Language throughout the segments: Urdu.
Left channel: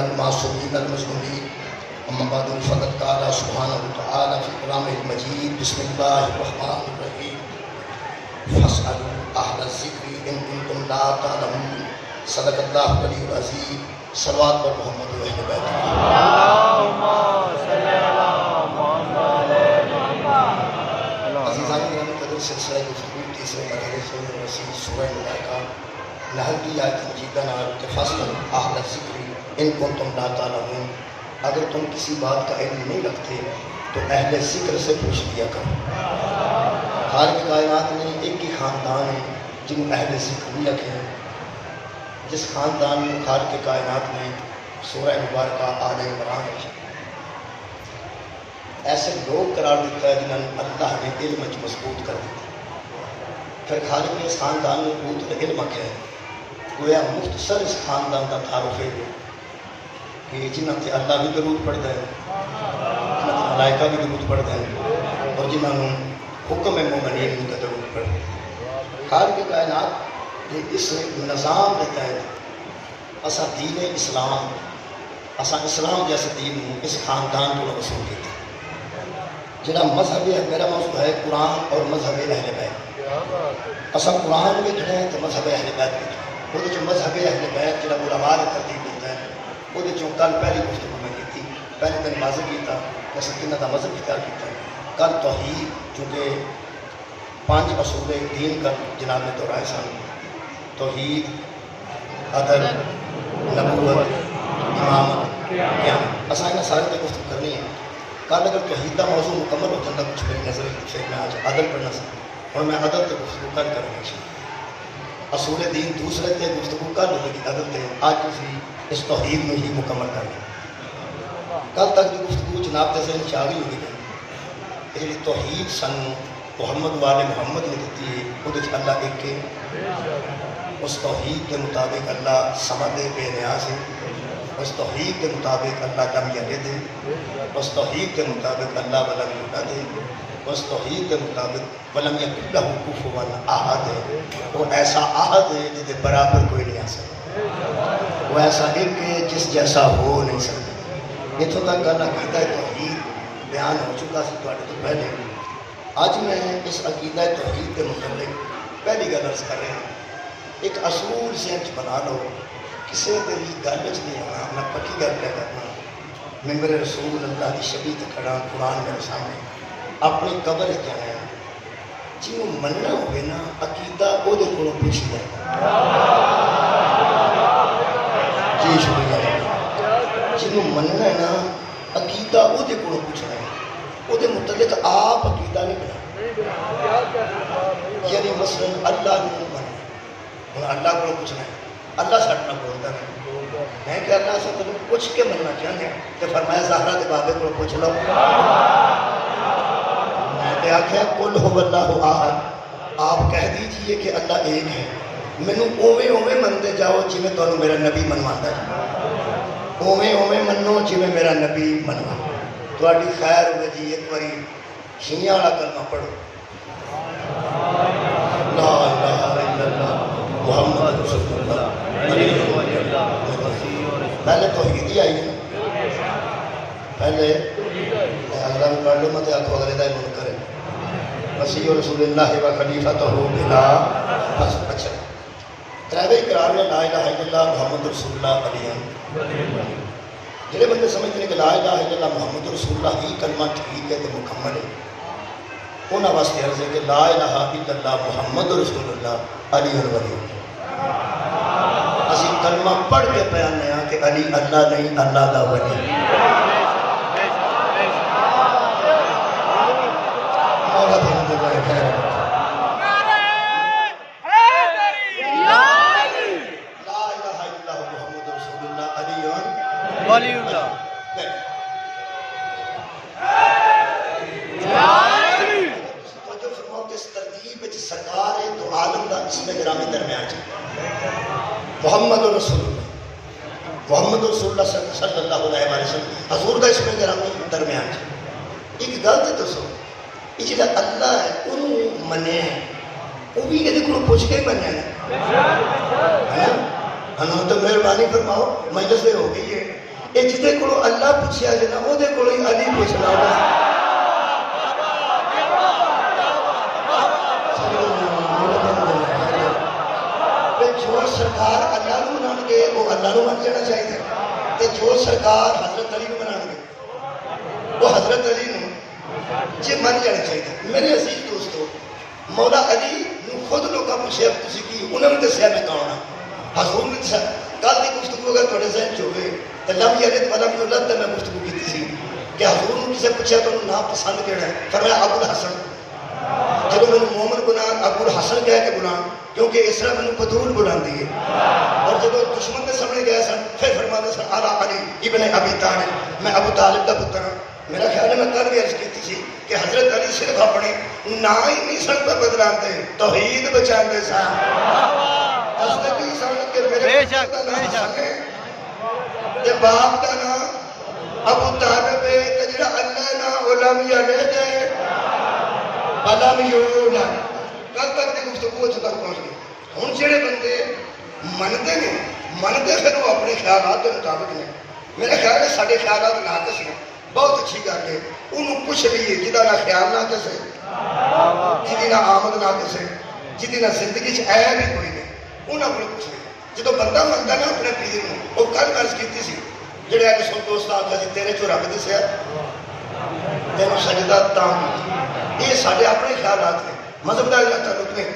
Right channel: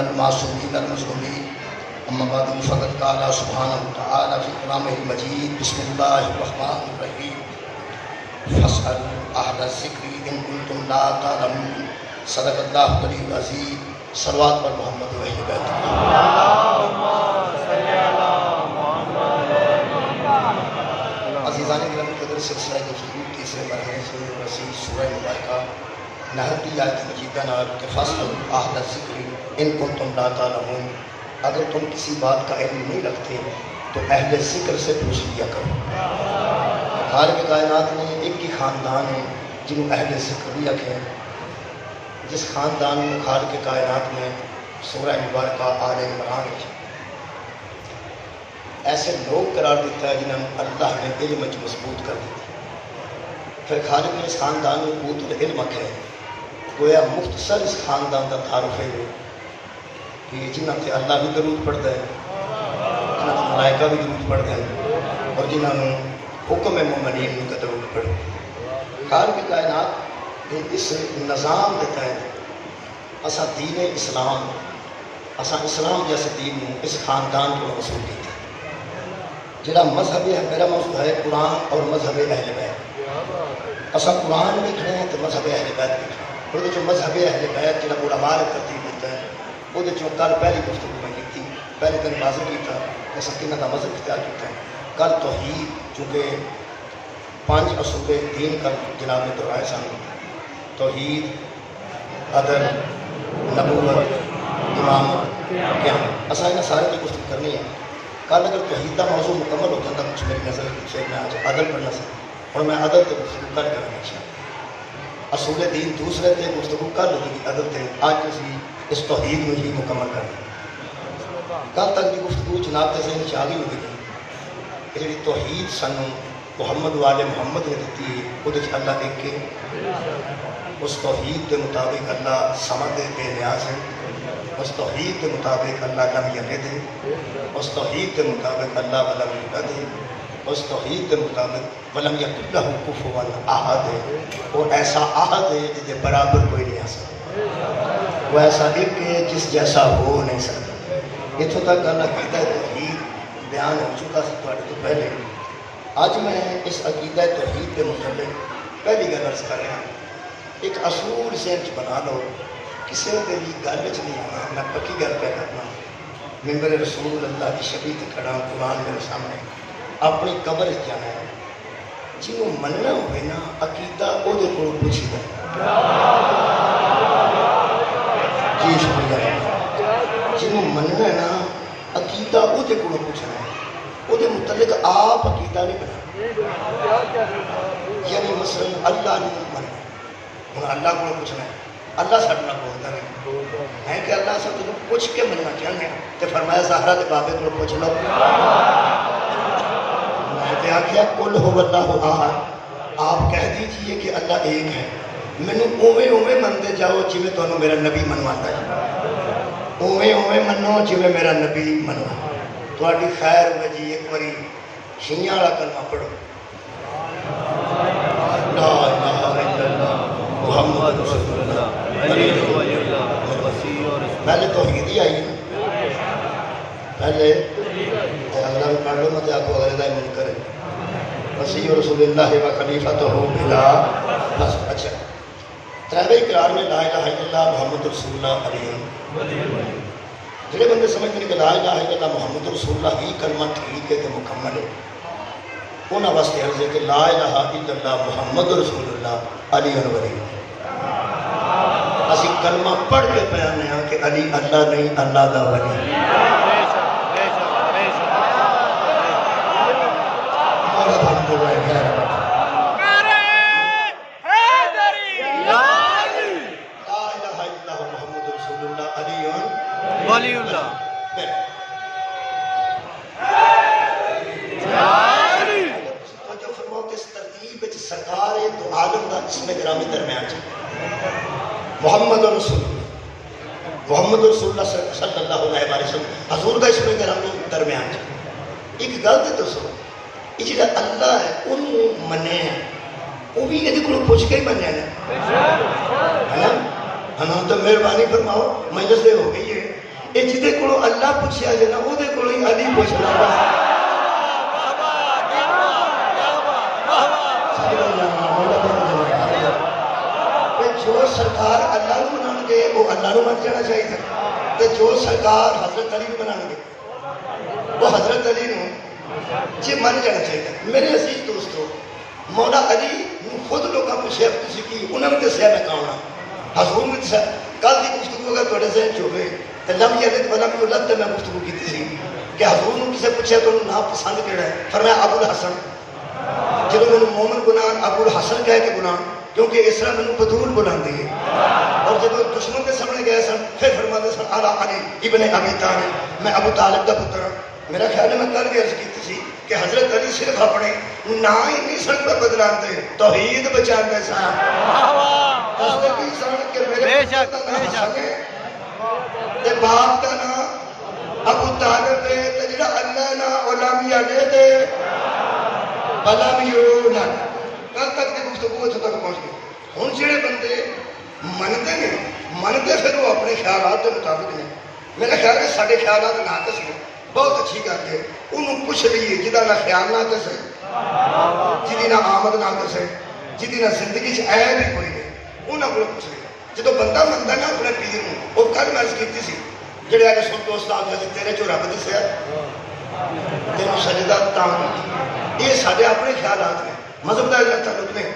المعصومين المظلومين أما بعد فقد قال سبحانه وتعالى في كلامه المجيد بسم الله الرحمن الرحيم فاسألوا أهل الذكر إن كنتم لا تعلمون صدق الله العلي العظيم صلوات پر محمد و اہل بیت اللہم صلی علی محمد عزیزان گرامی قدر سلسلہ گفتگو تیسرے مرحلے سے رسید سورہ ملائکہ نحل کی آیت مجیدہ نار کہ فاسألوا أهل الذکر ان کنتم لا تعلمون، اگر تم کسی بات کا علم نہیں رکھتے تو اہل ذکر سے پوچھ لیا کرو۔ خالق کائنات نے ایک ہی خاندان ہے جنہوں اہل ذکر بھی رکھے ہیں، جس خاندان میں خالق کائنات نے سورہ مبارکہ آل عمران ایسے لوگ قرار دیتا ہے جنہوں نے اللہ نے علم مضبوط کر دی۔ پھر خالق اس خاندان میں قوت العلم ہے، گویا مختصر اس خاندان کا تعارف ہے کہ جنہوں سے اللہ بھی درود پڑھتا ہے، جنہوں سے ملائکہ بھی درود پڑھتا ہے، اور جنہوں نے حکم مومنین کا درود پڑھتا ہے۔ خالق کائنات اس نظام دیتا ہے، اسا دین اسلام، اسا اسلام جیسے دین اس خاندان کو رسول دیتا ہے۔ جڑا مذہب ہے، میرا موضوع ہے قرآن اور مذہب اہل بیت۔ اسا قرآن لکھنا ہے تو مذہب اہل بیت لکھنا ہے۔ وہ جو مذہب اہل بیت جڑا علماء نے ترتیب دیتا ہے، وہ جو کل پہلی گفتگو میں کی تھی، پہلے دن واضح کیتا کہ سکینہ کا مذہب اختیار کیتا ہے۔ کل توحید چونکہ 5 اصول دین پر جناب نے دہرائے سن، توحید، عدل، نبوت، امامت، قیامت، اصل میں سارے کی گفتگو کرنی ہے۔ کل اگر توحید کا موضوع مکمل ہوتا ہے کچھ میری نظر ہے، میں آج عدل پڑھنا سا اور میں عدل سے گفتگو کل کرنا چاہیے۔ اصول دین دوسرے تھے، گفتگو کل ہوگی عدل تھے، آج کسی اس توحید میں ہی مکمل کرنا۔ کل تک کی گفتگو جناب کے ذہن سے آگے ہوگی کہ جی توحید سن محمد والے محمد نے دیتی ہے، وہ اللہ ایک کے، اس توحید کے مطابق اللہ سمد بے نیاز ہے، اس توحید کے مطابق اللہ لم یلد ہے، اس توحید کے مطابق اللہ ولم یولد ہے، اس توحید کے مطابق ولم یکن لہ کفوا احد ہے، اور ایسا احد ہے جس کے برابر کوئی نہیں آ سکتا، وہ ایسا ایک ہے جس جیسا ہو نہیں سکتا۔ اتوں تک گل عقیدہ توحید بیان ہو چکا سی تھوڑے تو پہلے۔ آج میں اس عقیدہ توحید کے متعلق پہلی گل عرض کر رہا ہوں، ایک اصول ذہن بنا لو، کسی بھی گل نہیں آنا، میں پکی گل پہ کرنا، ممبر رسول اللہ کی شبیہ تے کھڑا، قرآن میرے سامنے، اپنی قبر جانا ہے، جنہوں مننا ہوئے نا عقیدہ وہ دے کو پوچھی جائے۔ جی شکریہ۔ جنہوں مننا ہے نا عقیدہ وہ دے کو پوچھنا ہے، وہ دے متعلق آپ عقیدہ نہیں بنا، یعنی مثلا اللہ نے مننا، اللہ کو پوچھنا ہے، اللہ ساتھ نہ بولتا ہے میں کہ اللہ سے تجھے پوچھ کے مننا چاہتے ہیں، تو فرمایا زہرا کے بابے کو پوچھ لو۔ میں نے آخیا قل هو اللہ احد، آپ کہہ دیجئے کہ اللہ ایک ہے، مینوں اوویں اوویں منتے جاؤ جویں تانوں میرا نبی منواتا ہے، اوویں اوویں منو جویں میرا نبی منواتا ہے۔ تھوڑی خیر ہوئے جی ایک باری شیعہ والا کلمہ پڑھو، لا الہ الا اللہ محمد رسول اللہ۔ پہلے توحید ہی آئی ہے، پہلے اگلا بھی کر لو مت آکو علیحدہ منکر ہے، مسیح رسول اللہ و خلیفتہ بلا نصب۔ اچھا تریوے اقرار میں لا الہ الا اللہ محمد رسول اللہ علیہ، جڑے بندے سمجھتے ہیں کہ لا الہ الا اللہ محمد رسول اللہ ہی کلمہ ٹھیک ہے کہ مکمل ہے، انہاں واسطے عرض ہے کہ لا الہ الا اللہ محمد رسول اللہ علیہ ولی۔ اسی کلمہ پڑھ کے بیان ہے کہ علی اللہ نہیں، اللہ دا ولی۔ ولی اللہ سرکار ہے تو عالم دا اسم گرامی درمیان چاہتا محمد رسول اللہ، محمد رسول اللہ صلی اللہ علیہ وسلم حضور دا اسم گرامی درمیان چاہتا۔ ایک غلط تو سو یہ جڑا اللہ ہے انہوں منے وہ بھی یہ کو پوچھ کے ہی بنے نا، ہاں تو مہربانی فرماؤ مجلس ہو گئی ہے، یہ جہدے کو اللہ پوچھا جائے نا وہ علی پوچھنا جو سرکار اللہ نو منان گے وہ اللہ نو من جانا چاہیے تے جو سرکار حضرت علی نو منان گے وہ حضرت علی نو جی من جانا چاہیے. میرے عزیز دوستو مولا علی نو خود لوگوں پوچھے تسی کی انہوں نے دسیا میں کون ہاں. حضور نے دسیا کل کی گفتگو اگر تھوڑے ذہن چ ہوئے تو لم یلد ولم یولد تے میں گفتگو کی تھی کہ حضور نے کسے پوچھا تو انہوں نا پسند کیڑا ہے فرمایا ابو الحسن. جب میں مومن گناہ ابو الحسن کہہ کے گناہ کیونکہ اس طرح میں بطول بلان دی ہے. اور جب دشمنوں کے سامنے گئے سن پھر فرماتے سن علی علی ابن ابی طالب میں ابو طالب دا پتر ہوں. میرا خیال ہے میں کل بھی عرض کی تھی کہ حضرت علی صرف اپنے نا ہی نہیں سن پر بدلاتے توحید بچاتے سن. بے شک بے شک تے باپ کا نام ابو طالب ہے تے جڑا اللہ نا علم یلد ولم یولد. کل تک کی گفتگو اتنے تک پہنچ گئی. ہوں جڑے بندے منتے ہیں منتے پھر وہ اپنے خیالات کے مطابق نے. میرا خیال ہے سارے خیالات ناقص ہیں بہت اچھی گل ہے. انہوں پوچھ لیے جہاں نہ خیال ناقص ہے جی نہ آمد ناقص ہے جی نہ زندگی عیب بھی کوئی نہیں انہوں کو پوچھ لیا. جب بندہ منتا نا اپنے پیر میں وہ کل میں عرض کی تھی جڑے آگے سن دوست آگے تیرے چو رب دسیا تینوں سجدہ تاں یہ سارے اپنے خیالات ہیں مذہب کا تعلق نہیں.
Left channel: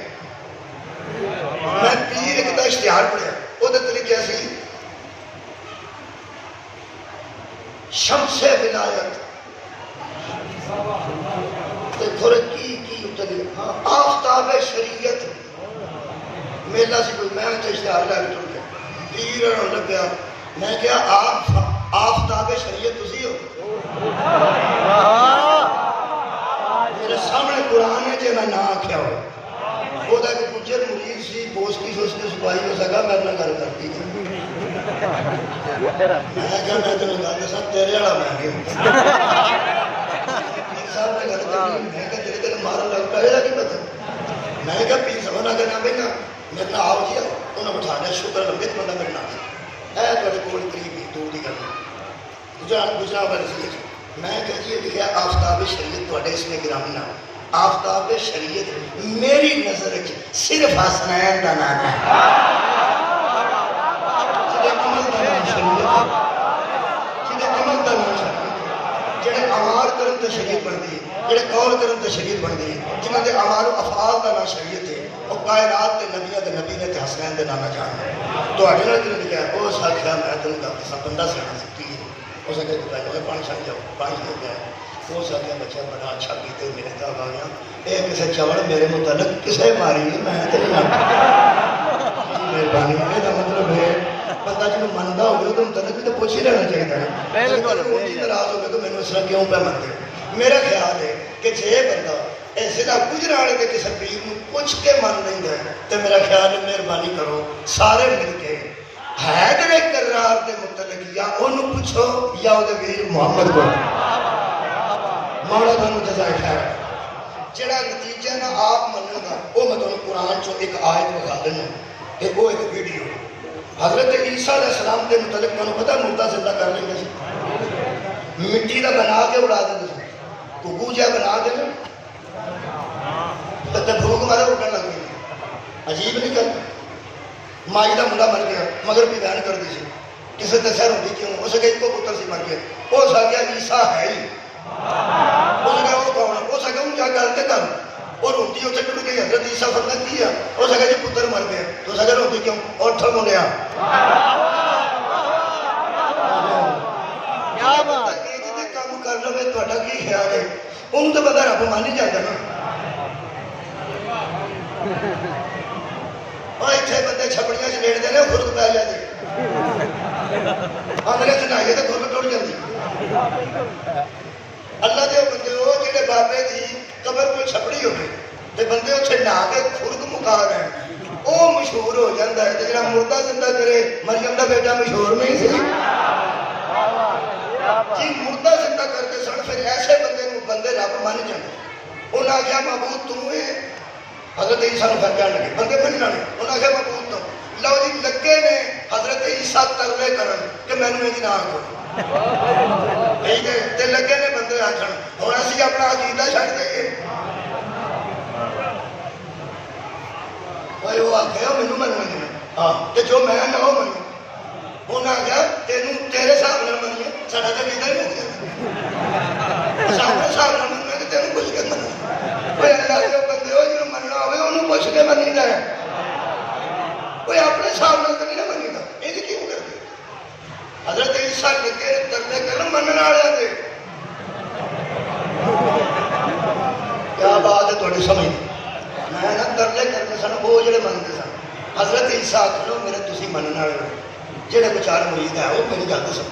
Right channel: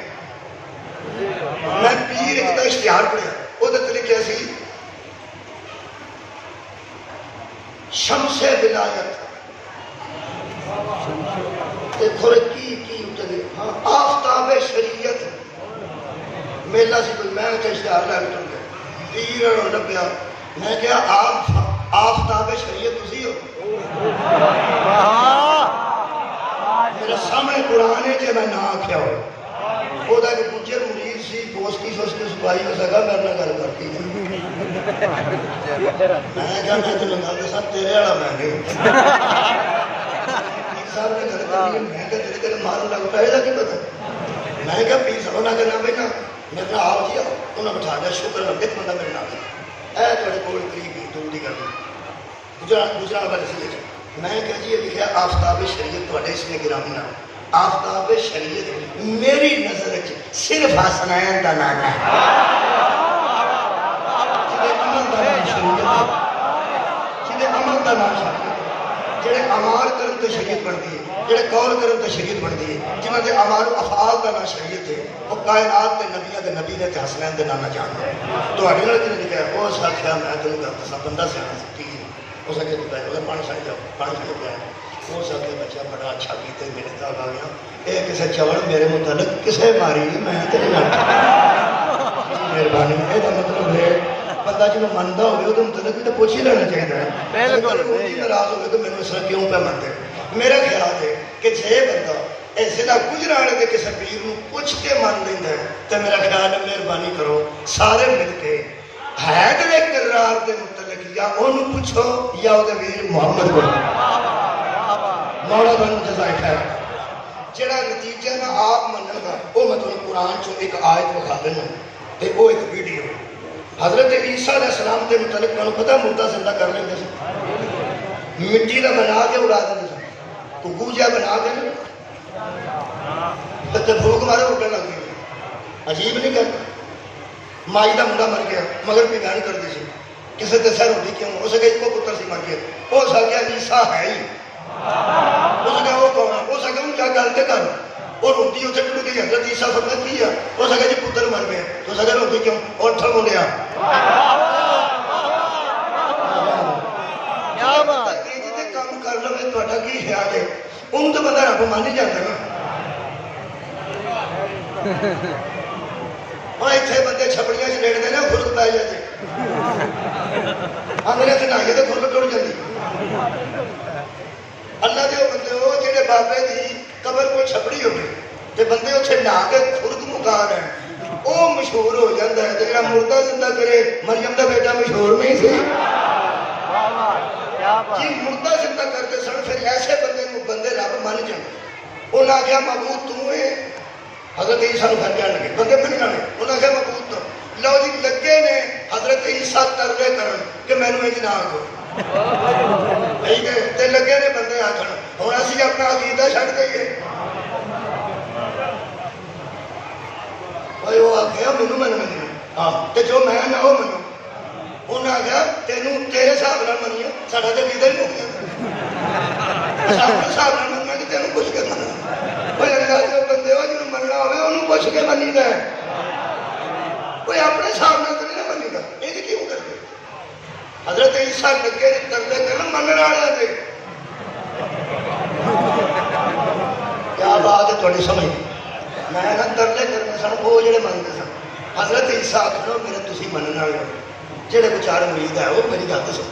میں پیر ایک اشتہار پڑھیا وہ طریقے سے شمس ولایت تھوڑے کی آفتاب شریعت میلا سی کوئی میں اشتہار لا کے ٹر گیا پیر اور لبیا میں کیا آفتاب شریعت تسی ہو. میرے سامنے قرآن ہے کہ نہ آخیا ہو خدا کے گجر مرید سی بوسکی سوسکی سپاہی ہو سکا میرے نال گل کرتی میں کیا میں تینوں گل دساں تیرے والا میں نہیں صاحب نے گل کرنی میں کہ تیرے تیرے مارن لگ پہ کی پتہ میں کیا پیر سبھا نہ کرنا بھائی میرے نال آؤ جی انہیں بٹھا دیا شکر ایک بندہ میرے نال اے تیرے کول قریب ہی دور دی گل گجرا والے سے لکھا میں کہ جی لکھا آفتاب شریعت تھوڑے اس میں گرامی نام آفتاب شریعت میری نظر صرف حسنین کا نام ہے جڑے امال کرن تو شریعت بنتی ہے جڑے قول کرن تو شریعت بنتی ہے جنہوں نے امال و افعال کا نام شریعت ہے وہ کائنات کے نبی نے حسنین کے نام جانتے ہیں. تو اڑے نے لکھا ہے وہ ساکھیا میں تمہیں گلتا سا بندہ سے ہو سکے تو پہلے پانی چھڑ جاؤ پانی چھوڑ جائے وہ سکے بچہ بڑا اچھا پیتے میرے تک آ گیا یہ کسی چوڑ میرے متعلق کسے ماری میں مہربانی یہ مطلب ہے بندہ جنہوں منتا ہوگا تو متعلق تو پوچھ ہی لینا چاہیے بالکل ناراض ہوگا تو مینوں اس طرح کیوں پہ منتے. میرا خیال ہے کہ جے بندہ ضلع گجرانوالے کے کسی پیر کو پوچھ کے من لینا ہے تو میرا خیال ہے مہربانی کرو سارے مل کے ہے کہ کرار کے متعلق یا انہوں پوچھو یا وہ ویر محمد کو مولا تمہیں جزائے خیر جڑا نتیجہ نہ آپ مننے گا وہ میں تمہیں قرآن چو ایک آیت بخا دینا تے وہ ایک ویڈیو حضرت عیسیٰ علیہ السلام کے متعلق میں پتہ مردہ زندہ کر لیں گے مٹی کا بنا کے اڑا دیں ککو جا بنا دیں تو بھوک مارے اٹھنے لگ گئی عجیب نہیں کرتا. مائی کا منڈا مر گیا مگر بھی بیان کر دی کسی تے سر ہوتی کیوں اس کے ایک پتر سی مر گیا ہو سکیا عیسیٰ ہے ہی اس کا وہ کون ہو سکا ہوں کیا گل کر اور روٹی اسے ٹوٹ گئی حضرت عیسیٰ فرمت کی ہے ہو سکا جی پتر مر گئے تو سکا روٹی کیوں اور اٹھا بولیا کیا بات یہ کام کر لو تھوڑا کی خیال ہے ان تو بندہ رب مان ہی جاتا نا. اتنے بندے چھپڑیاں سے لیٹتے ہیں خرک پی جاتے میرے سے نہائیے تو خرک ٹوٹ جاتی. اللہ کے بندے ہو جہے بابے کی قبر کوئی چھپڑی ہوگی تو بندے اتنے نہا کے خرک مکا رہے ہیں وہ مشہور ہو جاتا ہے. تو جا مردہ زندہ کرے مریم کا بیٹا مشہور نہیں سی جی مردہ زندہ کرتے سن پھر ایسے بندے رب من جاتے. انہیں آخیا معبود تم حضرت عیسیٰ نے پہچان لگے بندے پھر جانے انہوں نے کہا مبوت تو لو جی لگے نے حضرت عیسیٰ ترلے کرن کہ میں نے نہ آگو تے لگے نے بندے آخر ہوں اسی اپنا عقیدہ چھڈ دئیے بھائی وہ آخیا مینوں مننا ہاں تے جو میں نہ وہ منو انہیں آخیا تینوں تیرے حساب نال منیے ساڈا تو عقیدہ ہی مک گیا اپنے حساب نال مننا تے تینوں پوچھ کے مننا کوئی اللہ کے بندے ہو جنوں مننا ہوے انہوں پوچھ کے منی دا ہے کوئی اپنے حساب نال تو نہیں نہ منی گا یہ کیوں کر دے حضرت عیسیٰ لگے تردے کرن منن والے دے کیا بات ہے تھوڑی سمجھ میں نہ ترلے کرنے سن وہ جڑے منتے سن حضرت عیسیٰ آخر میرے تسی منن والے جڑے بچار مرید ہے وہ میری گل سن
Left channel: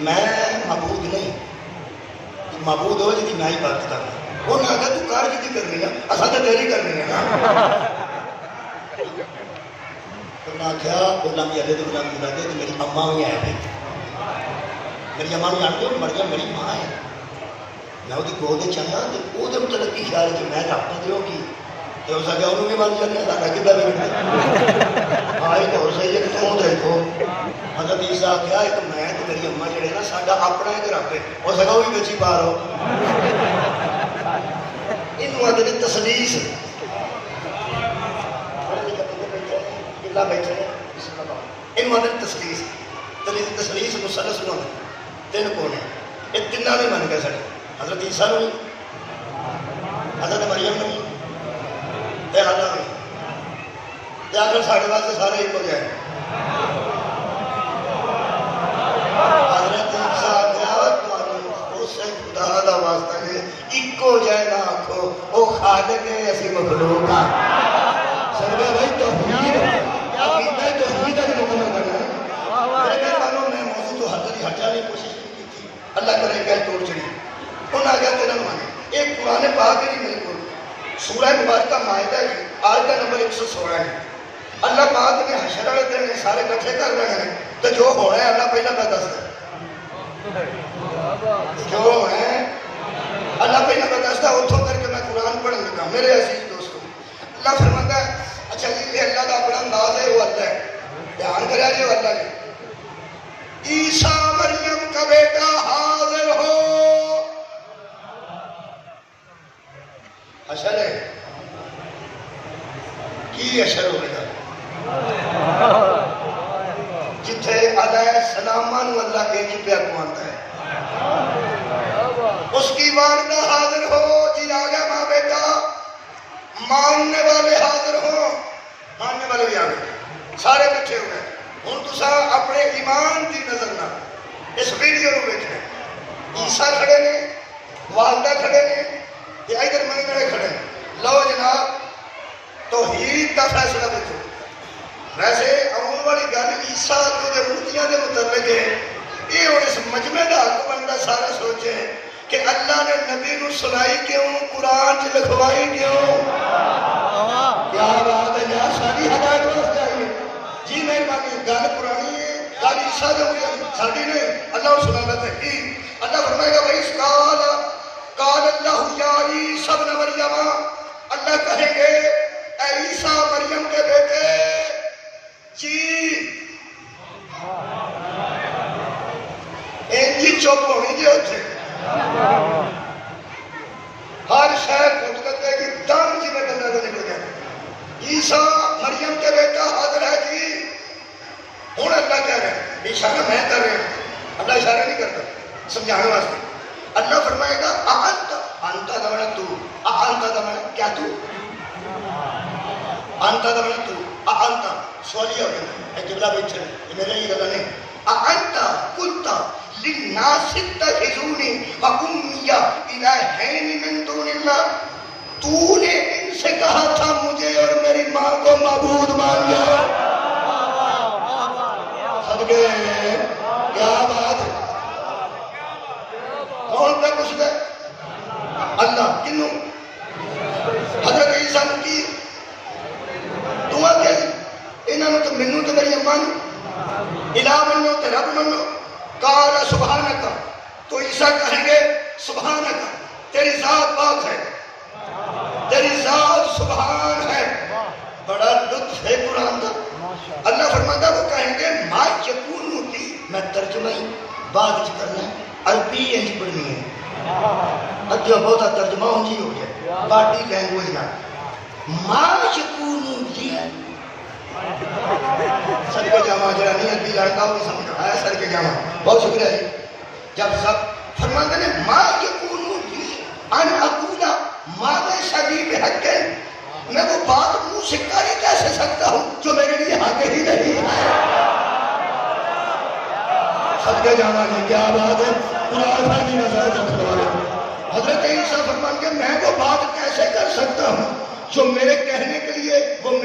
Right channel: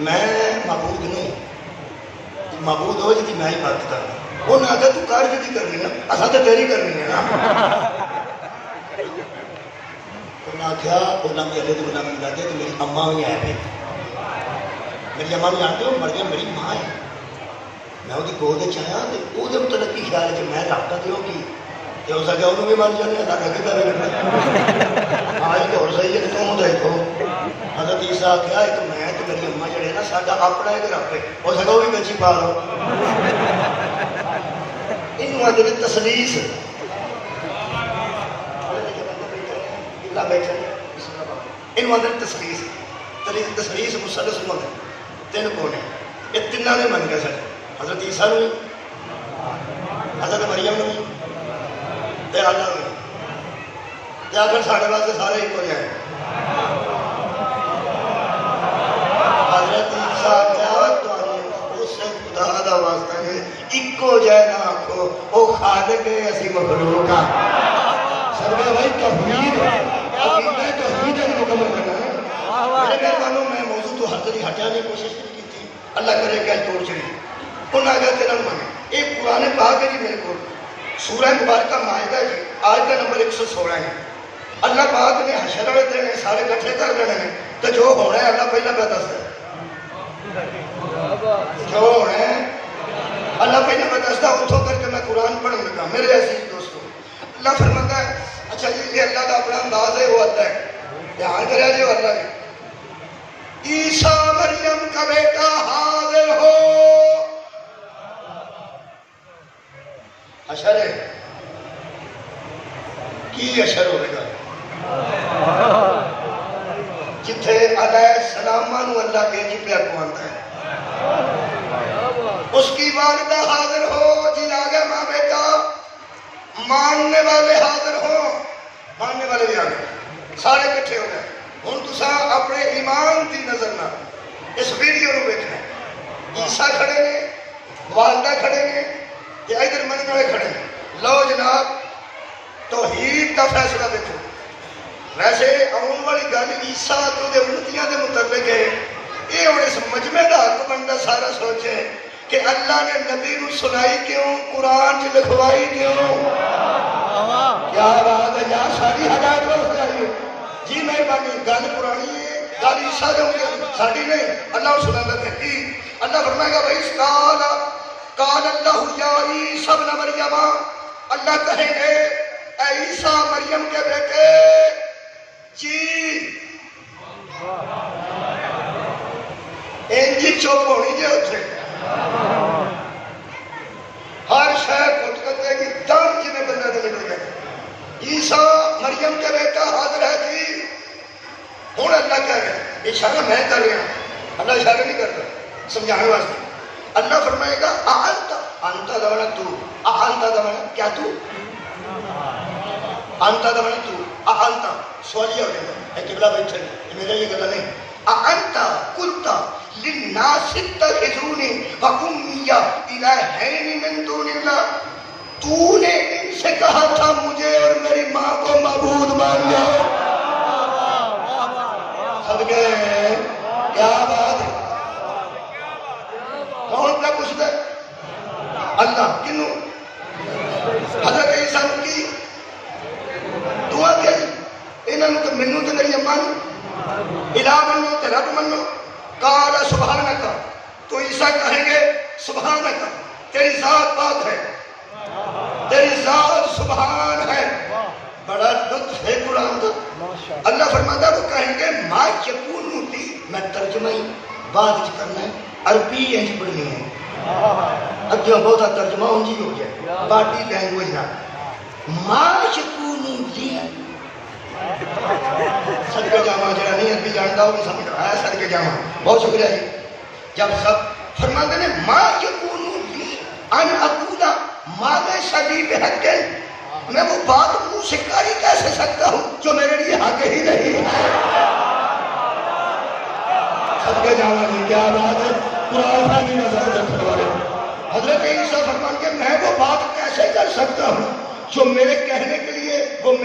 میں معبود نہیں معبود ہو جی میں عبادت کرنا انہیں آخیا تو کر کی کرنی ہے اصل تو تیری کرنی ہے نا انہیں آخیا بولنا میرے تو بولنا ملا دے تو میری اما بھی ہے میری اما بھی جانتے ہو مر گیا میری ماں ہے میں وہ گود چاہیا تو وہ ترقی خیال ہے میں رابطہ دوں گی ہو سکے انہوں بھی بن جانے سارا کتا لگتا آج تو صحیح ہے تم تو حضرت عیسیٰ کیا ایک میں تو میری اما جڑے نا ساڈا اپنا ایک رب ہے ہو سکے وہ بھی بچی پا لو یہ تسلیس تسلیس تسلیس مسلس نو تین کونے یہ تین نے من گئے سارے حضرت عیسیٰ نے حضرت مریم نے اللہ نے آخر سارے واسطے سارے ایک ہو جائے حضرت عیسیٰ خدا دا واسطہ نے ایکو جائے نہ آخو وہ خالق ہے اسی مخلوق ہاں سربا بھائی توحید میں موضوع تو حد نہیں ہٹانے کی کوشش نہیں کی تھی اللہ کرے کہ توڑ چڑی انہیں آگے تیرا مانے ایک قرآن پاک ہے جی میرے کو سورہ مبارکہ مائدہ جی آیت نمبر 116 ہے اللہ پاک نے حشر والے دن سارے کٹھے کر رہے ہیں کہ جو ہونا ہے اللہ پہلا پہ دستا ہے جو ہونا ہے اللہ پہلا پہ دستا ہے اتھوں کر کے میں قرآن پڑھنے لگا میرے عزیز دوستو اللہ فرماتا ہے اچھا جی یہ اللہ کا اپنا انداز ہے وہ آتا ہے دھیان کریا جی وہ اللہ نے عیسیٰ مریم کا بیٹا حاضر ہو حشر ہے کی حشر ہونے گا جتھے علیہ السلام اللہ کے جی پیار مانتا ہے اس کی والدہ حاضر ہو جی آگے ماں بیٹا ماننے والے حاضر ہو ماننے والے بھی آگے سارے کٹھے ہو گئے ہوں تسا اپنے ایمان کی نظر نہ اس ویڈیو کو دیکھنا عیسیٰ کھڑے نے والدہ کھڑے نے کہ ادھر منی والے کھڑے لو جناب توحید کا فیصلہ دیکھو ویسے امون والی گل عیسیٰ تو جو امتیاں دے متعلق ہے یہ ہوں اس مجمع کا حق بنتا سارے سوچے کہ اللہ نے نبی نو سنائی کیوں قرآن چ لکھوائی کیوں کیا بات ہے یار ساری حالات واسطے آئی جی مہربانی گل پرانی ہے گل عیسیٰ دے ساری نہیں اللہ سناتا ہے کی اللہ فرمائے گا بھائی قال اللہ یا عیسیٰ ابن مریم اللہ کہیں گے اے عیسیٰ مریم کے بیٹے جی انجی چوپ ہونی جی ہوتے ہر شاید خود کرتے کہ دم جی میں بندہ دے نکل گیا عیسیٰ مریم کے بیٹا حاضر ہے جی ہوں اللہ کہہ رہے ہیں اشارہ میں کر رہا اللہ اشارہ نہیں کرتا سمجھانے واسطے اللہ فرمائے گا انتا دمنا تو انتا دمنا کیا تو انتا دمنا تو انتا سوالی ہو جانا ہے قبلہ بیٹھے یہ میرا یہ گلا نہیں انتا قلتا للناس اتخذونی وأمی الہین من دون اللہ تو نے ان سے کہا تھا مجھے اور میری ماں کو معبود مان لیا صدقے کیا بات ہے کون کا کچھ دے اللہ کنو حضرت عیسیٰ نے کی دعا کہی انہوں نے تو منو تے میری اما نو الہ منو تے رب منو قال سبحانک تو عیسیٰ کہیں گے سبحانک تیری ذات پاک ہے تیری ذات سبحان ہے بڑا لطف ہے قرآن کا اللہ فرماتا وہ کہیں گے ما یکون لی میں ترجمہ بعد کرنا ہے عربی انج پڑھنی ہے اگے بہت ترجمہ ہوں جی ہو جائے باڈی لینگویج نہ ما یکون لی سر کے جامع جڑا نہیں عربی جانتا وہ سمجھ رہا ہے سر کے جامع بہت شکریہ جی جب سب فرماتے ہیں ما یکون لی ان اقول ما لیس لی بحق میں وہ بات منہ سے کر ہی کیسے سکتا ہوں جو میرے لیے حق ہی نہیں ہے سب کے جامع میں کیا بات ہے قرآن کی نظر رکھنے والے حضرت عیسیٰ فرماتے ہیں میں وہ بات کیسے کر سکتا ہوں جو میرے کہنے کے لیے وہ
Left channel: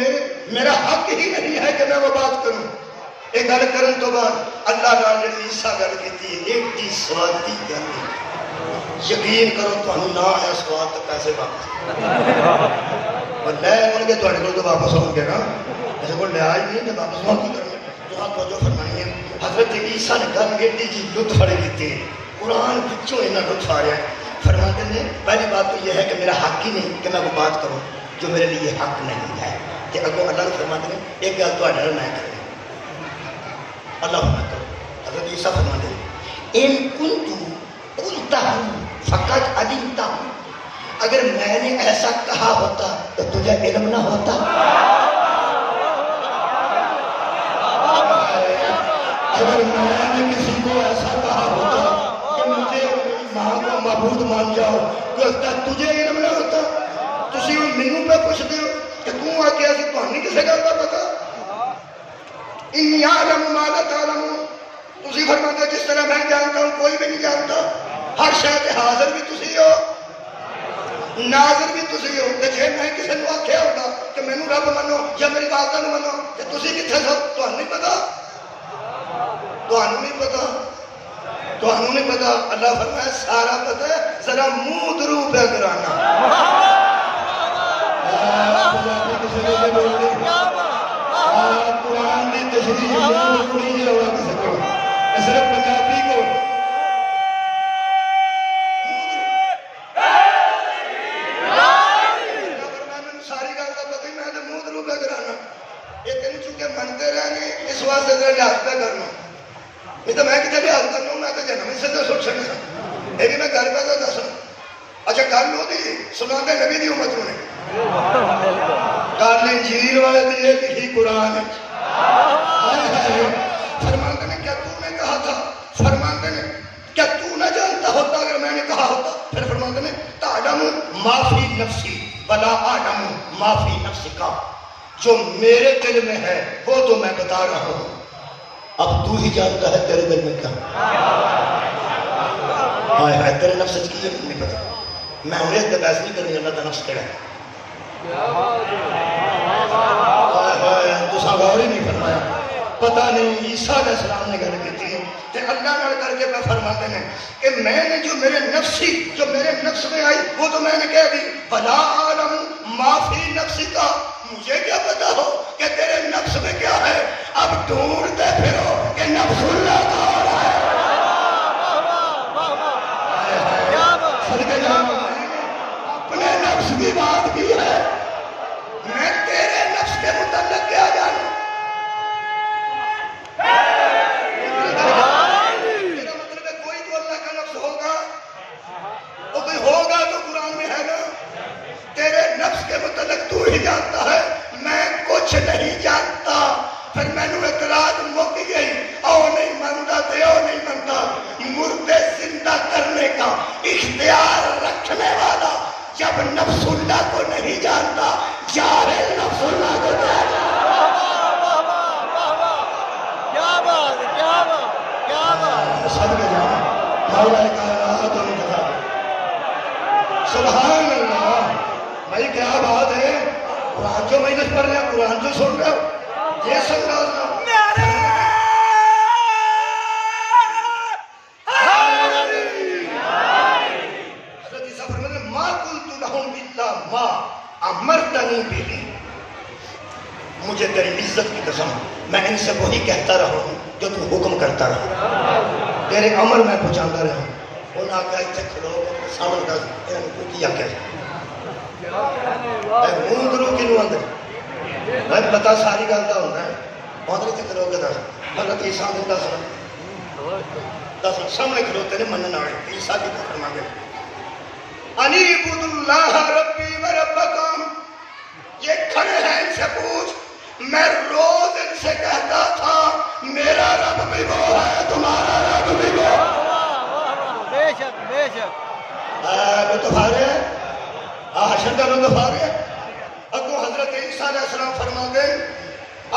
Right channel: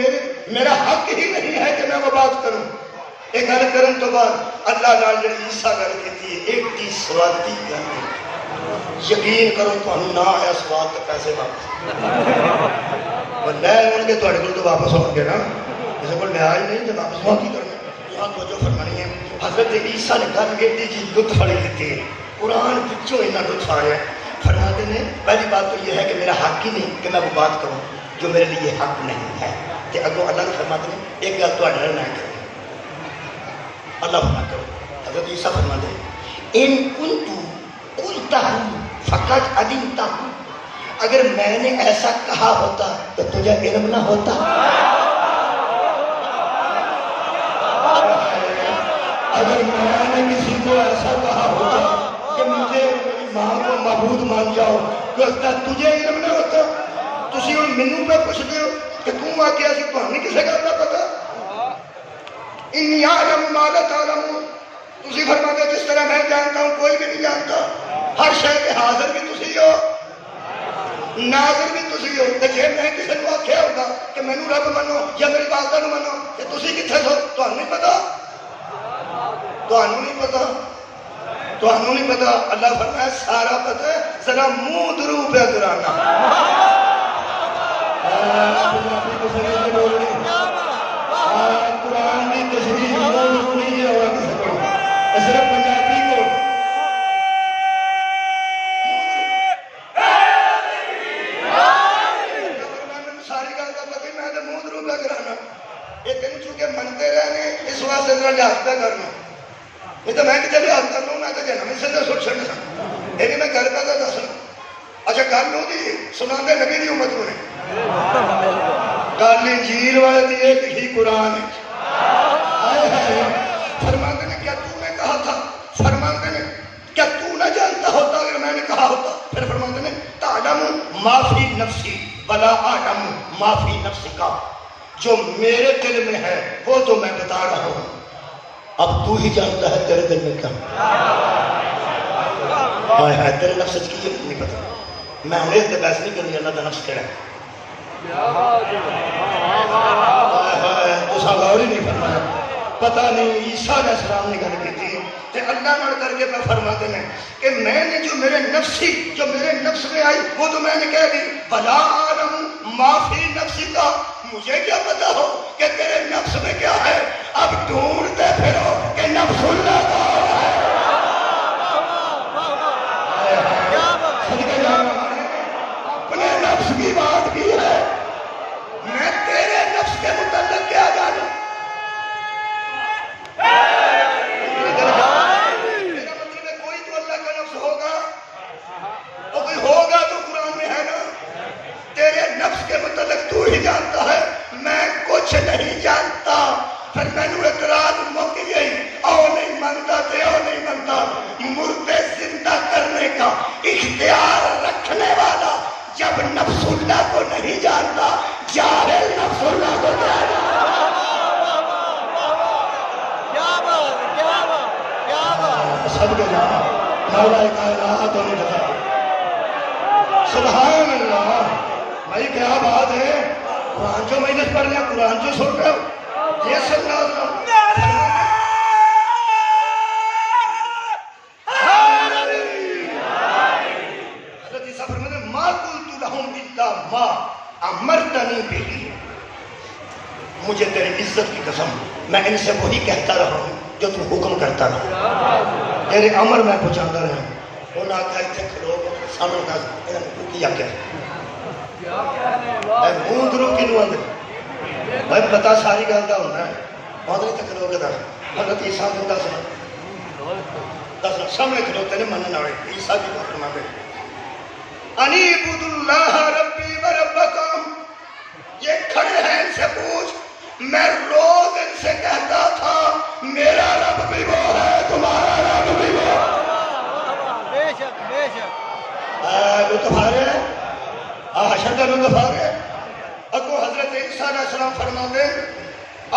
میرا حق ہی نہیں ہے کہ میں وہ بات کروں ایک گل کرن تو بعد اللہ نال جڑی عیسیٰ گل کیتی ہے ایک دی سوادی گل یقین کرو تانوں نہ ہے سواد تے پیسے واپس وہ لے آن کے تواڈے کول تو واپس آؤ گے نا کسی کو لے آئی نہیں تے واپس آ کی کرنا تہاں توجہ فرمانی ہے حضرت عیسیٰ نے گل ایڈی جی لطف والی کیتی ہے قرآن وچوں اتنا لطف آ رہا ہے فرماتے ہیں پہلی بات تو یہ ہے کہ میرا حق ہی نہیں کہ میں وہ بات کروں جو میرے لیے حق نہیں ہے کہ اگوں اللہ نے فرماتے ہیں ایک گل تہاڈے نال میں کروں اللہ فرماتا ہے حضرت عیسیٰ فرماتے ہیں ان کنت قلتہ فقط علمتہ اگر میں نے ایسا کہا ہوتا تو تجھے علم نہ ہوتا اگر میں نے کسی کو ایسا کہا ہوتا کہ مجھے میری ماں کو معبود مان جاؤ تو تجھے علم نہ ہوتا تسی ان مینوں پہ پوچھ دیو کہ تم آ کے ایسی تو نہیں کسی گل کا پتا انی اعلم ما لا تعلمون تسی فرماتے جس طرح میں جانتا ہوں کوئی بھی نہیں جانتا ہر شے کے حاضر بھی تسی ہو ناظر بھی تسی ہو کہ جے میں کسی کو آکھیا ہوتا کہ مینوں رب منو یا میری والدہ نو منو کہ تسی کتھے سو تانوں نہیں پتا تانوں نہیں پتا تانوں نہیں پتا اللہ فرمایا سارا پتا ہے ذرا منہ درو پہ کرانا قرآن کی تشریح نہیں ہے اور کسی کو صرف پنجابی کو ساری گل کا پتہ میں تو منہ درو پہ کرانا یہ تین چونکہ منتے رہنے اس واسطے کا لحاظ پہ کرنا یہ تو میں کتنے لحاظ کرنا میں تو جنم سے تو سوچ سکنا یہ بھی میں گل پہ دسنا اچھا گل ہوتی سنا نبی دی امت نے گل انجیل والے دی ایک ہی قرآن ہے فرماتے ہیں کیا تو نے کہا تھا فرماتے ہیں کیا تو نہ جانتا ہوتا اگر میں نے کہا ہوتا پھر فرماتے ہیں تعلم ما فی نفسی ولا اعلم ما فی نفسک جو میرے دل میں ہے وہ تو میں بتا رہا ہوں اب تو ہی جانتا ہے تیرے دل میں کیا ہائے تیرے نفس کی یہ نہیں پتا میں انہیں سے بحث نہیں کرنی اللہ کا نفس کہڑا ہے تو غور ہی نہیں کرنا ہے پتہ نہیں عیسیٰ علیہ السلام نے گل کی تھی کہ اللہ نال کر کے میں فرماتے ہیں کہ میں نے جو میرے نفس میں آئی وہ تو میں نے کہہ دی بلا اعلم ما فی نفسک مجھے کیا پتا ہو کہ تیرے نفس میں کیا ہے اب ڈھونڈتے پھرو کہ نفس اللہ کا اپنے نفس کی بات کی ہے میں تیرے نفس کے متعلق کیا جانوں میرا مطلب ہے کوئی تو اللہ کا نفس ہوگا وہ کوئی ہوگا تو قرآن میں ہے نا تیرے نفس کے متعلق تو ہی جانتا ہے میں کچھ نہیں جانتا پھر میں نے اعتراض مک گئی او نہیں مانتا تے او نہیں مانتا مردے زندہ کرنے کا اختیار رکھنے والا جب نفس اللہ کو نہیں جانتا جاہل نفس اللہ کو جانتا کیا بات سب کو جانا مولا کائنات ہمیں بتا سبحان اللہ بھائی کیا بات ہے قرآن جو میں جس پڑھ رہا قرآن جو سن رہا ہوں یہ سن رہا ہوں حضرت عیسیٰ فرماتے ہیں ما قلت لهم الا ما امرتنی به مجھے تیری عزت کی قسم میں ان سے وہی کہتا رہا ہوں جو تو حکم کرتا رہا تیرے امر میں پہنچاتا رہا انہوں نے کہا اتنے کھڑو سامنے کا کیا کیا منہ درو کنوں آدھے بھائی بتا ساری گل کا ہوتا ہے آدھے تک کھڑو کے دس حضرت عیسیٰ نے دس دس سامنے کھلوتے نے منن والے عیسیٰ کی تو فرما دے انیبود اللہ ربی و ربکم. یہ کھڑے ہیں ان سے پوچھ میں روز ان سے کہتا تھا میرا رب بھی وہ ہے تمہارا رب بھی وہ ہے. بے شک بے شک. تمہارے حشر میں تمہارے اگو حضرت عیسیٰ علیہ السلام فرما دے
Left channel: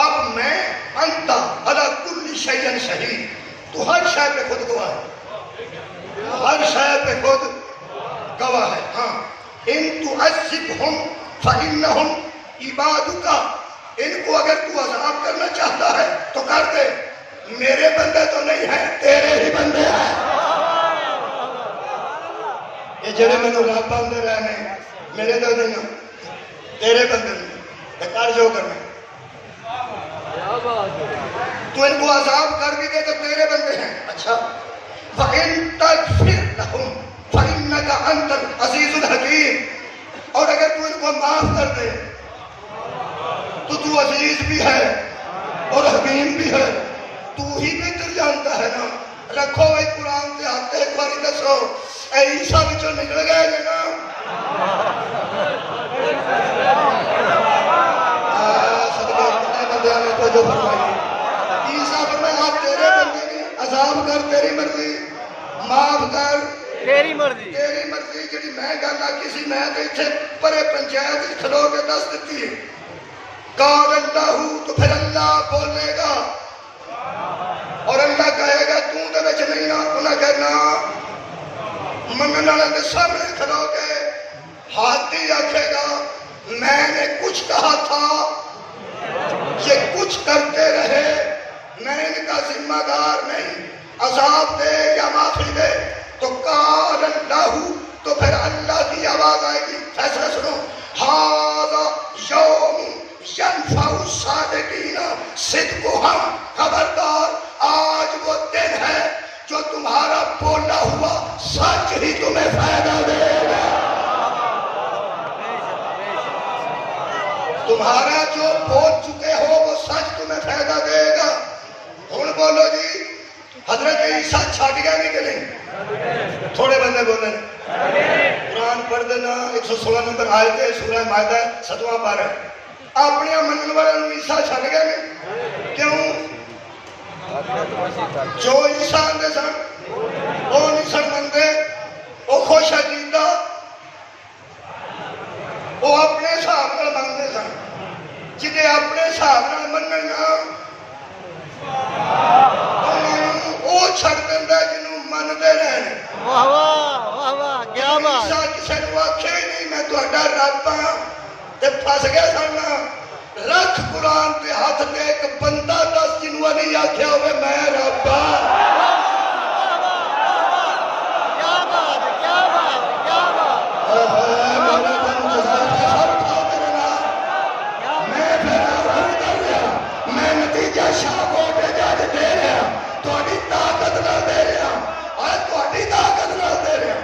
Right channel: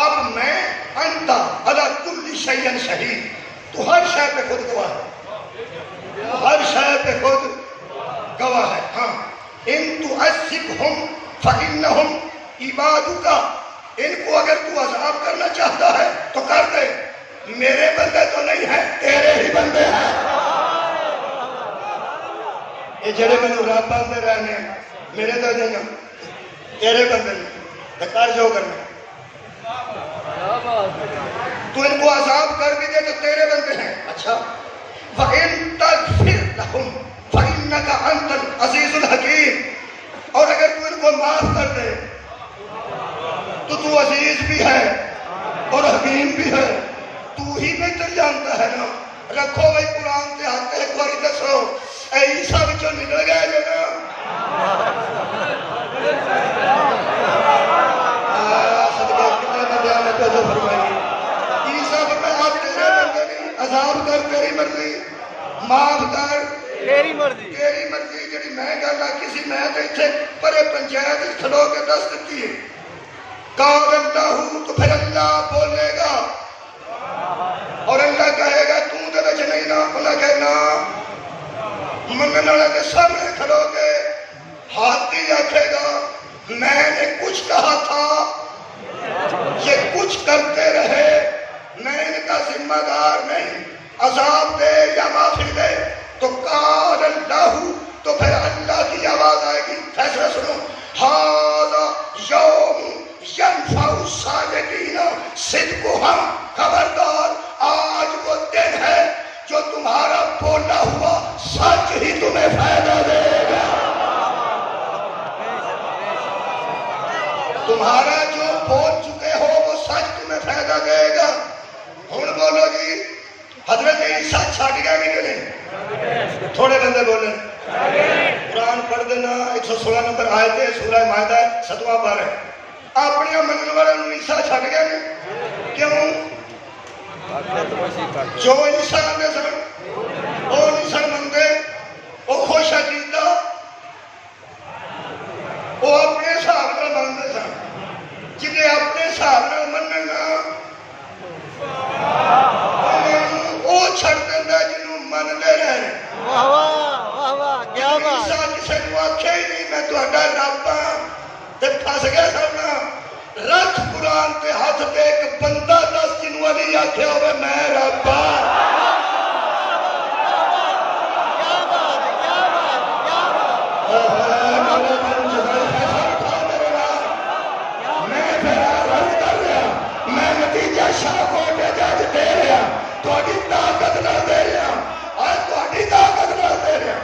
اب میں انت علی کل شیء شہید. تو ہر شے پہ خود گواہ ہے, ہر شے پہ خود گواہ ہے. ہاں ان تعذبہم فإنہم عبادک. ان کو اگر تو عذاب کرنا چاہتا ہے تو کر دے, میرے بندے تو نہیں ہیں تیرے ہی بندے ہیں. یہ جڑے میں تو رب بندے رہنے میرے تو نہیں ہیں تیرے بندے نہیں کر جو کرنے. تو ان کو عذاب کر بھی دے تو تیرے بندے ہیں. اچھا وَإِن تَغْفِرْ لَهُمْ فَإِنَّكَ أَنْتَ الْعَزِيزُ الْحَكِيمُ. اور اگر تو ان کو معاف کر دے تو عزیز بھی ہے اور حکیم بھی ہے. تو ہی بہتر جانتا ہے نا. رکھو بھائی قرآن کے ہاتھ ایک باری دسو اے عیسیٰ بچوں نکل گیا جو نا صدقہ کتنے بندے آنے کو جو فرمائی عیسیٰ فرمائے آپ تیرے بندے نہیں عذاب کر تیری مرضی معاف کر تیری مرضی تیری مرضی. جڑی میں گلا کسی میں تھے پرے پنچایت کھلو کے دس دیتی ہے قال اللہ تو پھر اللہ بولے گا اور اللہ کہے گا تو دے وچ نہیں نا. انہاں کہنا منگن والے دے سامنے کھلو کے ہاتھی آکھے گا میں نے کچھ کہا تھا یہ کچھ کرتے رہے میں ان کا ذمہ دار نہیں. عذاب دے یا معافی دے تو قال اللہ تو پھر اللہ کی آواز آئے گی. فیصلہ سنو ھذا یوم ینفع الصادقین صدقہم. خبردار آج وہ دن ہے جو تمہارا بولا ہوا سچ ہی تمہیں فائدہ دے گا. تمہارا جو بول چکے ہو وہ سچ تمہیں فائدہ دے گا. ہن بولو جی حضرت عیسیٰ چھٹ گئے کہ نہیں؟ تھوڑے بندے بولیں قرآن پڑھ دینا 116 نمبر آیت ہے سورہ مائدہ 7واں پارہ. اپنے منن والوں عیسیٰ چھٹ گئے نہیں کیوں؟ جو عیسیٰ نے سن وہ نہیں سن منگے وہ خوش عقیدہ وہ اپنے حساب کو منگے سن. جنہیں اپنے حساب کو مننا وہ چھڑ دینا جنہوں منگے رہے. واہ واہ واہ واہ کیا بات. عیسیٰ کسے کو آکھے ہی نہیں میں تو اڈا رب ہاں تے پھس گئے سننا. رکھ قرآن کے ہاتھ دے ایک بندہ دس جنہوں علی آکھے ہوئے میں رب ہاں. کیا بات کیا بات کیا بات. میں نتیجہ شاہ دے رہا تھوڑی طاقت نہ دے رہا اور تھوڑی طاقت نہ دے رہا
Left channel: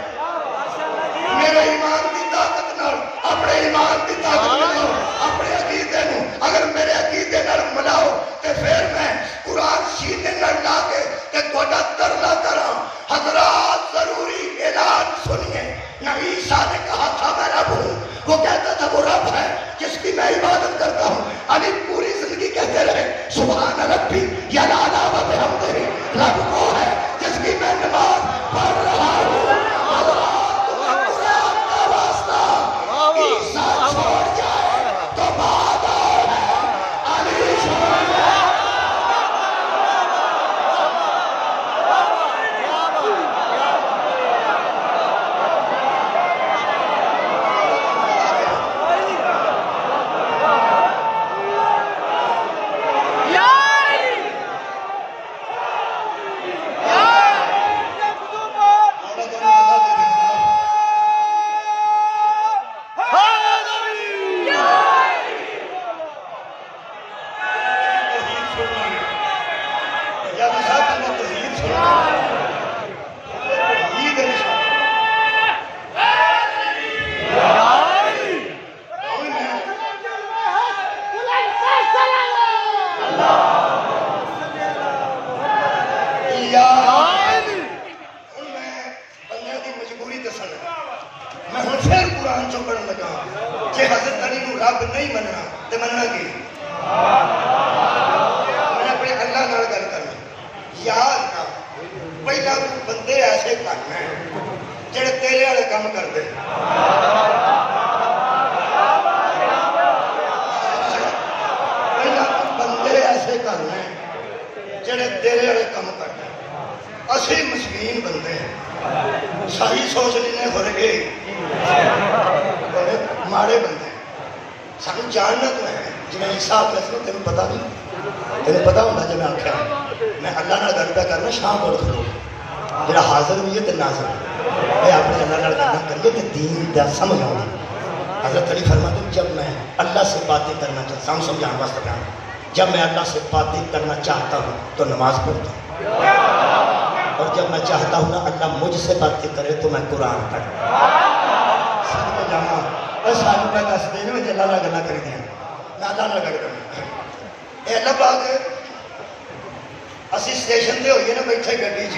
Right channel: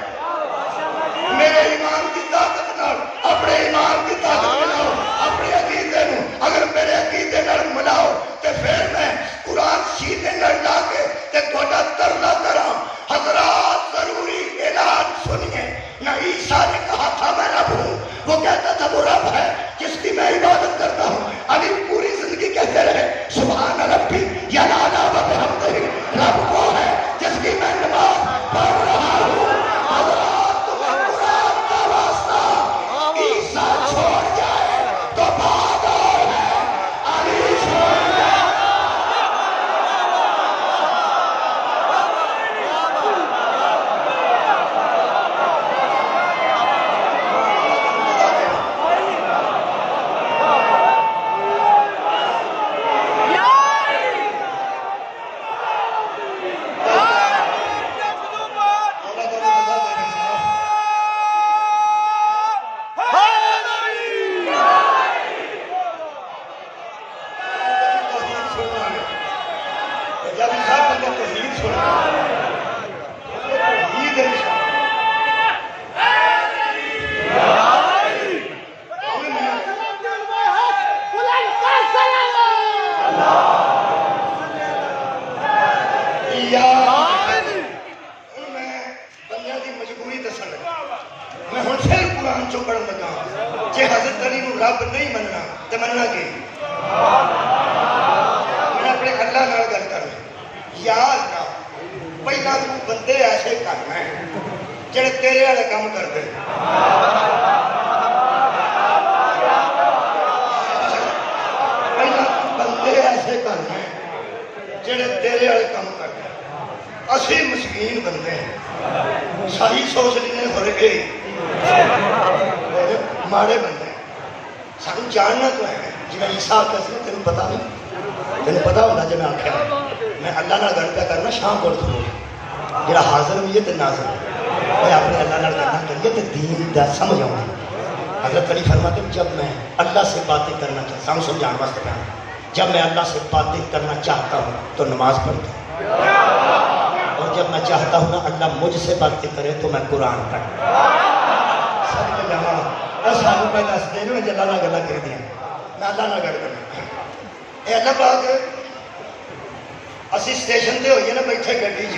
میرے ایمان کی طاقت نہ اپنے ایمان کی طاقت نہ اپنے عقیدے نو اگر میرے عقیدے نال ملاؤ تو پھر میں قرآن سینے نال لا کے تے تھوڑا رب نہیں مننا تو مننا کی میں اپنے اللہ نال گل کرنا یا اللہ پہلا تو بندے ایسے کرنا ہے جڑے تیرے والے کام کرتے پہلا بندے ایسے کرنا ہے جڑے تیرے والے کام کرتے اسی مسکین بندے ہیں ساری سوچ لینے تھوڑے گئے ماڑے بندے سانو جاننا تو ہے جی میں عیسیٰ کہتے تینوں پتا نہیں تینوں پتا ہونا جی میں آخیا میں اللہ نال گل پہ کرنا شام کو کھلو جڑا حاضر بھی ہے تو ناظر میں اپنے اللہ نال گل کریے تو دین دا سمجھ آؤں حضرت علی فرماتے ہیں جب میں اللہ سے باتیں کرنا چاہتا ہوں سمجھانے واسطے کہنا جب میں اللہ سے باتیں کرنا چاہتا ہوں تو نماز پڑھتا ہوں اور جب میں چاہتا ہوں نا اللہ مجھ سے باتیں کرے تو میں قرآن پڑھتا ہوں سب کو جانا بس سانو پہ دس دیں میں اللہ نال گلا کر دیا میں اللہ نال گل کرنا اے اللہ پاک اسی اسٹیشن تے ہوئیے نا بیٹھے گڈی چ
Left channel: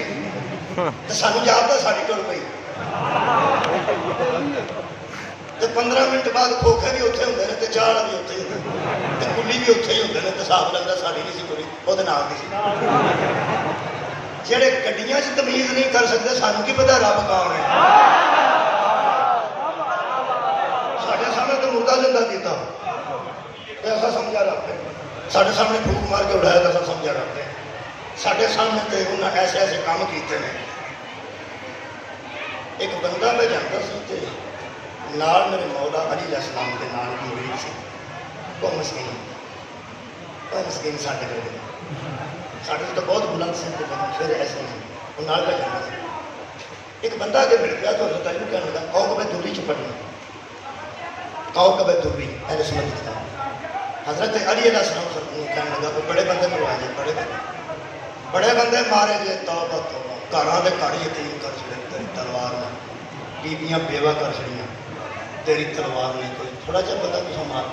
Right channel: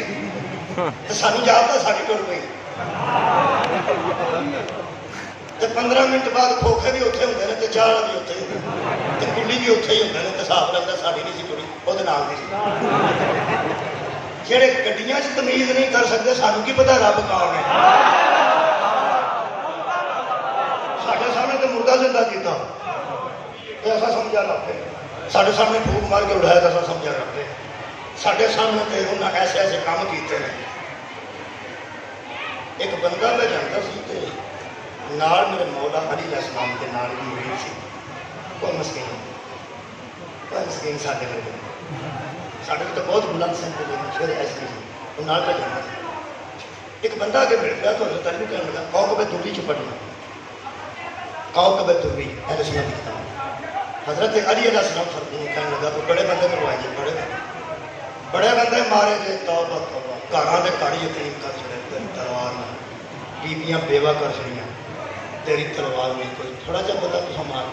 تو سانو یاد ہے ساڑی ٹر پئی تو 15 منٹ بعد کھوکھے بھی اتنے ہوتے ہیں تو چاہ بھی اتنے ہی ہوتے تو کلی بھی اتنے ہی ہوتے ہیں تو صاف لگتا ساڑی نہیں سی پوری وہ نام نہیں سی جہے گڈیاں تمیز نہیں کر سکتے سانو کی پتا رب کون ہے سارے سامنے تو مردہ زندہ کیتا ایسا سمجھا رکھتے سارے سامنے پھوک مار کے اڑایا تو سمجھا رکھتے سارے سامنے تو انہیں ایسے ایسے کام کیتے ہیں ایک بندہ میں جاتا سی تے نال میرے مولا علی علیہ السلام کے نال بھی ہوئی سی وہ مسکین سارے لوگ سارے تو بہت بلند سن کے لوگ پھر ایسے سی وہ نال پہ جانا سی ایک بندہ آگے مل گیا تو حضرت علی کو کہنے لگا قوم پہ دوری چ پڑھنا قوم پہ دوری اہل سنت کی طرح حضرت علی علیہ السلام کہنے لگا تو بڑے بندے میں آئیے بڑے بندے مارے گئے توبہ توبہ گھراں دے گھر یتیم کر چھڑے تلوار میں بیویاں بیوہ کر چھڑیاں تیری تلوار نہیں کوئی تھوڑا جا بندہ تو مار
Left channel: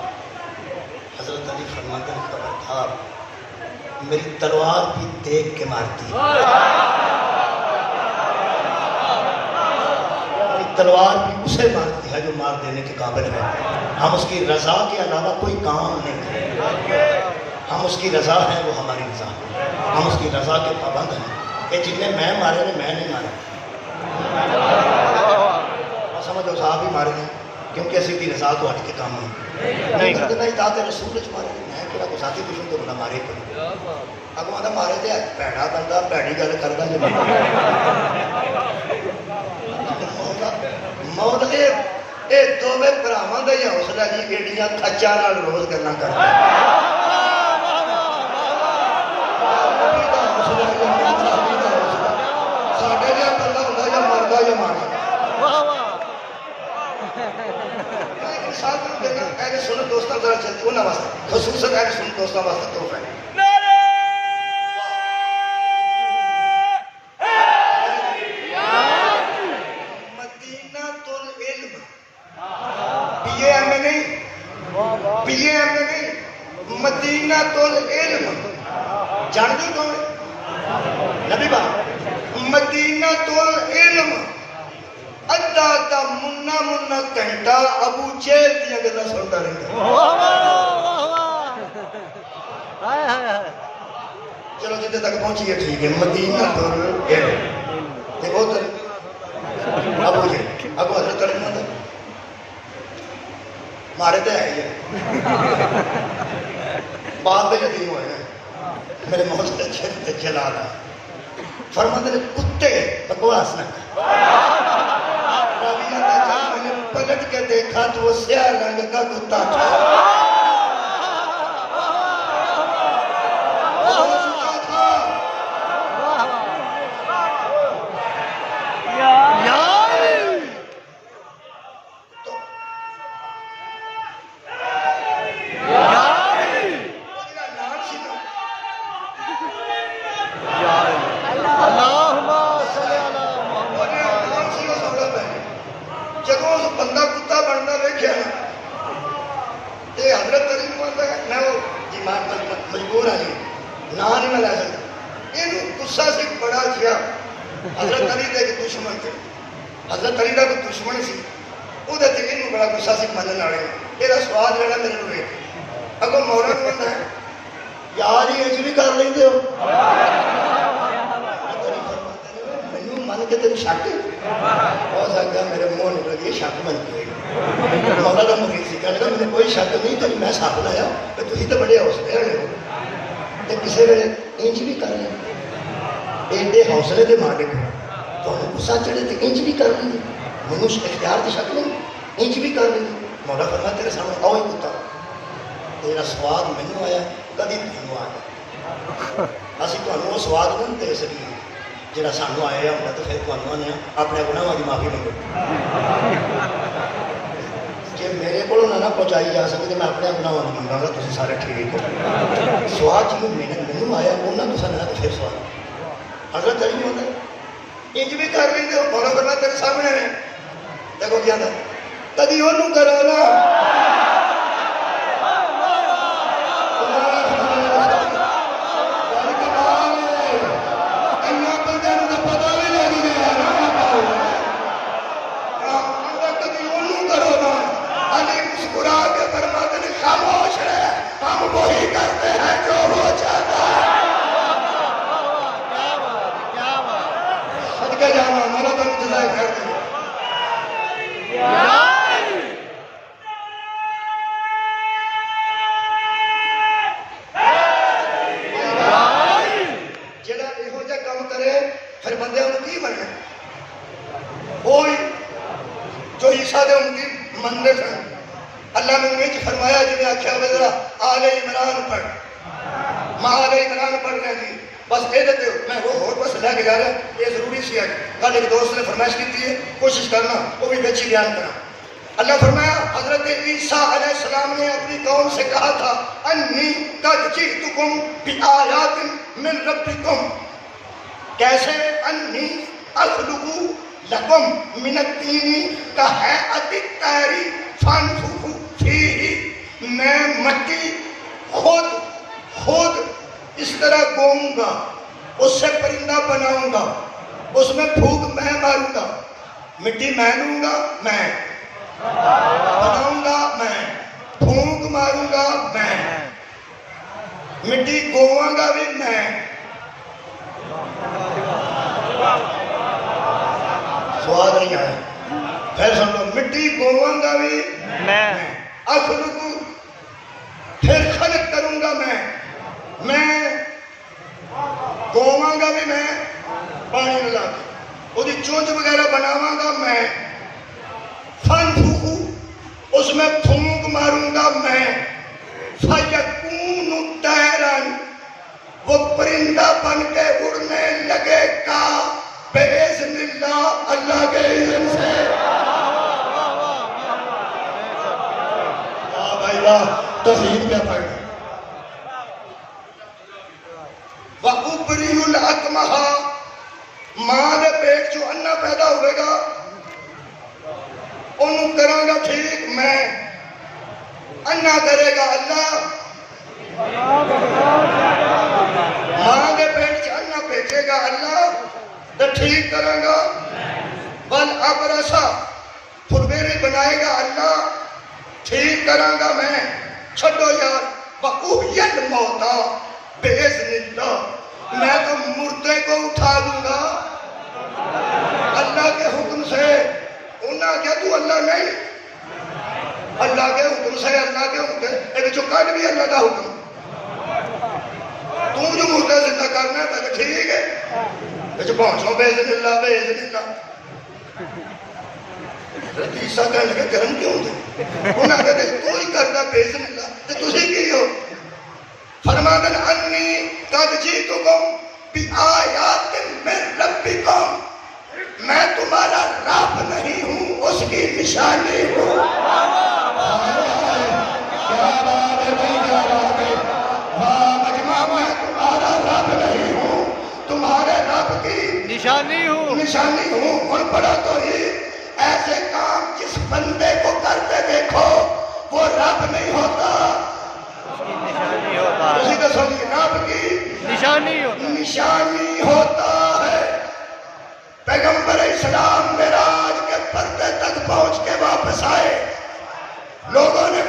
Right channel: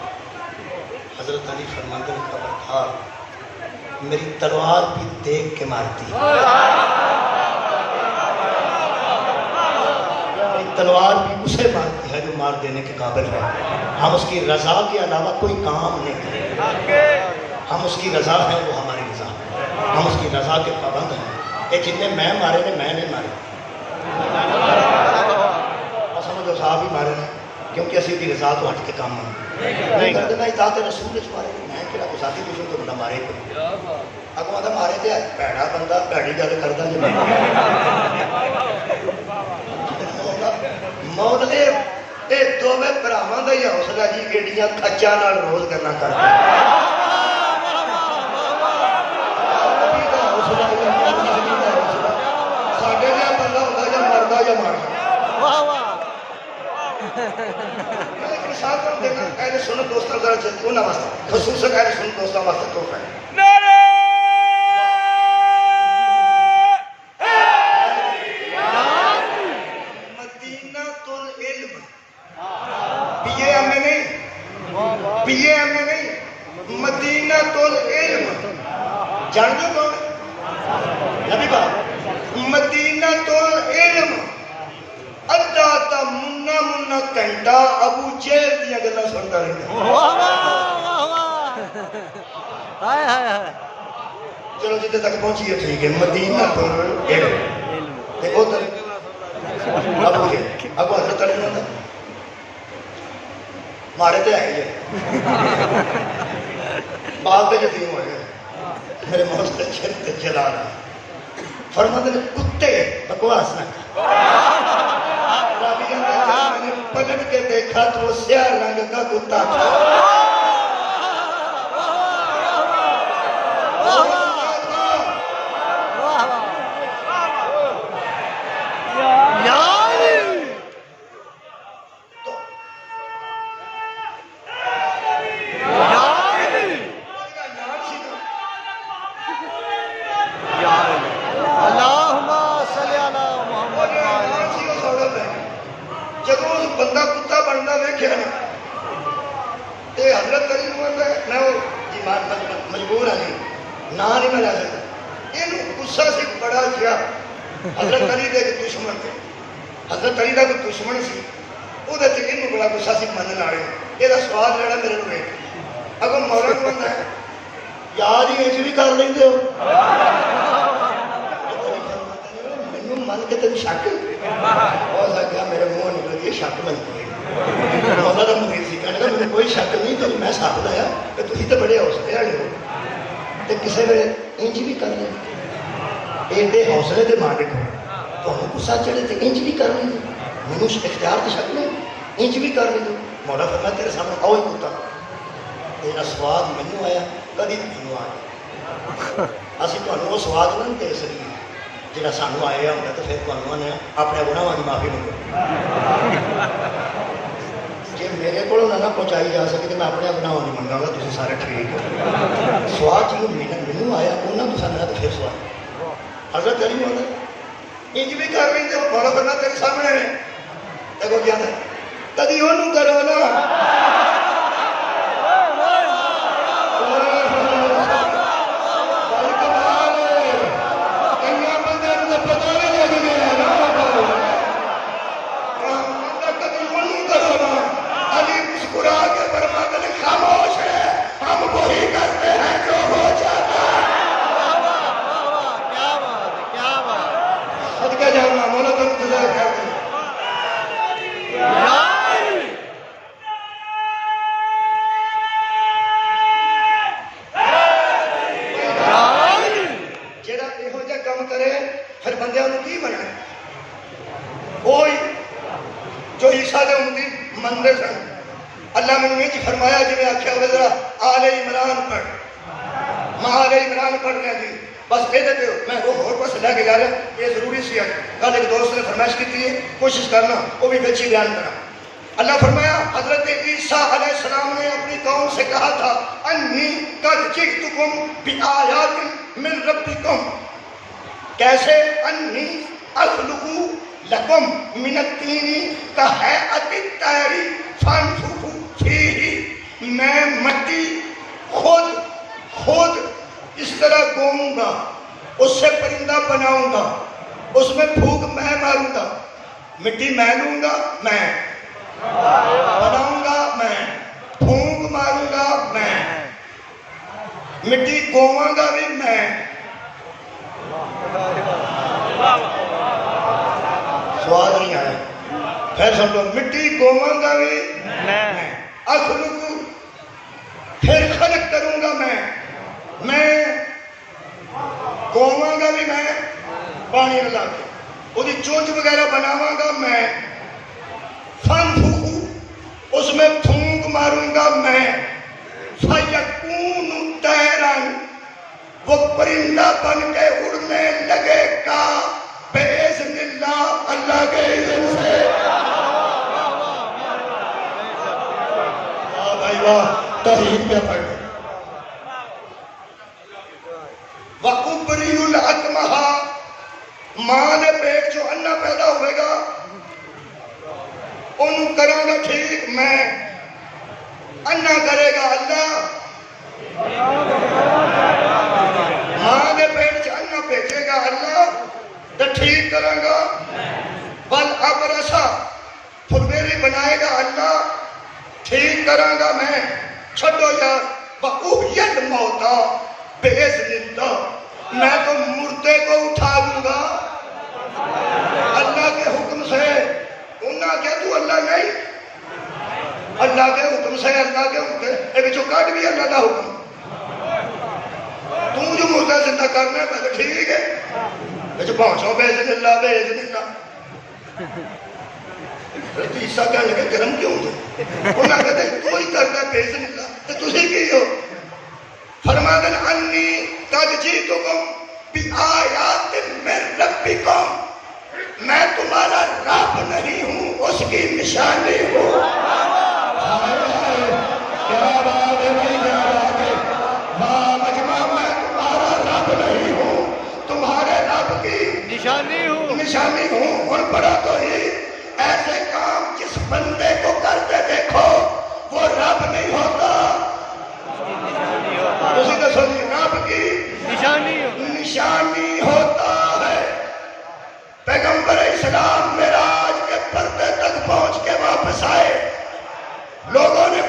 حضرت علی فرماتے ہیں خبردار میری تلوار بھی دیکھ کے مارتی میری تلوار بھی اسے مارتی ہے جو مار دینے کے قابل ہے ہم اس کی رضا کے علاوہ کوئی کام نہیں کریں ہم اس کی رضا ہیں وہ ہماری رضا ہم اس کی رضا کے پابند ہیں یہ جتنے میں مارے نے میں نہیں مارے سمجھو صاحب ہی مارے ہیں کیونکہ اسی کی رضا تو ہٹ کے کام ہے نہیں اطاعت رسول مارے میں کہڑا کوئی ساتھی دشمن تو بندہ مارے کو اگوں آتا مارے تو بھڑا بندہ بھڑی گل کرتا جو موت نے یہ دونوں براواں کا ہی حوصلہ جی ایڈیاں کچا نال روز کرنا کرتا ساڈے جہاں بندہ ہوتا یا مردا یا مارا اہل سنت دوستاں ذرا چلتے انہاں واسطے خصوصاً اہل سنت دوستاں واسطے تو ہے مدینہ العلم پی اے ایم نہیں مدینہ العلم جانتے کون نبی بات مدینہ العلم ادھا تا منا منا گھنٹہ ابو جہل دیا گلا سنتا رہتا چلو جتنے تک پہنچی ہے ٹھیک ہے مدینہ العلم دیکھو طریقہ ابو جہل ابو حضرت علی نے مارے تے آئے ہیں بعد کے یتیم ہوئے ہیں میرے مولا تے چھر تے جلا رہا فرماتے نے کتے بکواس نہ کر میں نے پلٹ کے دیکھا تو وہ سیاہ رنگ کا کتا تھا بندہ کتا بننا ویکھیا حضرت علی میں مجبور ہاں جی نہ نہیں میں لے سکتا یہ غصہ سے بڑا کیا حضرت علی دے دشمن تھے حضرت علی کا کوئی دشمن سی وہ بڑا غصہ سے من لا رہے یہ سوال جڑا میرے کو ایک اگر مولا کو ہے یار ہی انج بھی کر لیں ہو مینوں من کے تین شک ہو سکتا میرے منہ نکل گئی شک بن گئی مولا کا مرید سی کہنے لگا مجھے کوئی شک نہیں تیری میں سب لایا کہ تھی تو بڑے حوصلے والے ہو تو کسی ویلے انج بھی کر لیں ایڈے حوصلے کے مالک تمہیں غصہ چڑھے تو انج بھی کر لیں مینوں اختیار تو شک نہیں انج بھی کر لیں مولا فرمایا تیرے سامنے آؤ ہی پوتا تیرا سواد مینوں آیا کدی تینوں آیا اسی تمہیں وہ سواد نہ دے سکیں جہاں سانوں آیا ہوگا تو پھر تمہیں نے اپنے گناہوں کی معافی منگو جی میرے کو نہ پہنچائی جا سکی تو میں اپنے گناہوں نہیں منگا گا تھی سارے ٹھیک ہو سواد جنوب مینوں آیا انہوں نے سامنے تو پھر سواد حضرت تیری ہونا انج بھی کر لیں تو بڑا بڑا تیرے سامنے ہے دیکھو کیا تھا کدی انہوں کرو نا خاموش رہے ہم وہی کرتے ہیں جو ہو جاتا ہے صدقے جانا مولا تم جزائے خیر دے جڑا یہو جہا کام کرے پھر بندیاں نوں کی بننا وہی جو عیسیٰ دے امتی منتے سن اللہ نے انہیں فرمایا جنہیں آکھیا وزرا آل عمران پڑھ ماں آل عمران پڑھنے کی بس دے دیتے ہو میں روح اور بس لے کے گا رہا یہ ضروری سی ہے کل ایک دوست نے فرمائش کی تھی کوشش کرنا وہ بھی بچی بیان کرنا اللہ فرمایا حضرت عیسیٰ علیہ السلام نے اپنی قوم سے کہا تھا انی قد جئتکم بآیات من ربکم کیسے انی اخلق لکم من الطین کہیئۃ الطیر فانفخوا فیہ میں مٹی خود اس طرح گوؤں گا اس سے پرندہ بناؤں گا اس میں پھونک میں ماروں گا مٹی میں لوں گا میں بناؤں گا میں پھونک ماروں گا میں مٹی گواں گا بھی میں سوال نہیں آیا پھر سن لو مٹی گواں گا بھی میں اخلق پھر خلق کروں گا میں گواں گا بھی میں پانی ملا کے وہی چونچ وغیرہ بناواں گا میں فانفخوا اس میں پھونک ماروں گا میں فیکون طیرا وہ پرندہ بن کے اڑنے لگے گا باذن اللہ اللہ کے اذن سے بھائی واہ توحید پہ پڑھ وَأُبْرِئُ الْأَكْمَحَ ماں دے پیٹ جو انا پیدا ہوئے گا انہوں کراں گا ٹھیک میں انا کرے گا اللہ ماں دے پیٹ جو انا بھیجے گا اللہ تو ٹھیک کرے گا بل ابرسا پھٹیری بنائے گا اللہ ٹھیک کروں گا میں چھڈو یار وَأُحْيِي الْمَوْتَى بِإِذْنِ اللَّهِ میں تو مردے کو اٹھا دوں گا اللہ کے حکم سے انہاں کیا تو اللہ نہیں اللہ کے حکم سے اللہ کے حکم سے ایک جو کٹ بھی اللہ کا حکم تم جو مردہ زندہ کرنے میں تو ٹھیک ہے جو پہنچو بِإِذْنِ اللَّهِ بِإِذْنِ اللَّهِ عیسیٰ کہنے لگے جرم کیوں دے انہاں کہتے ہیں تو ہی کرنا بِإِذْنِ اللَّهِ تو تجھے کی ہو فرمایا انی قد جئتکم بآیات من ربکم میں تمہارا رب نہیں ہوں اس کی نشانی ہوں کیا بات ہے میں تمہارا رب نہیں ہوں تمہارے رب کی نشانی ہوں اور بڑا تو ہی ایسے کام جس بندے کو کرتے دیکھو وہ رب نہیں ہوتا اسی کے سوچی رب کی نشانی ہوتا ہے پیغمبر اسلام معراج کے پردے تک پہنچ کے واپس آئے لوگوں نے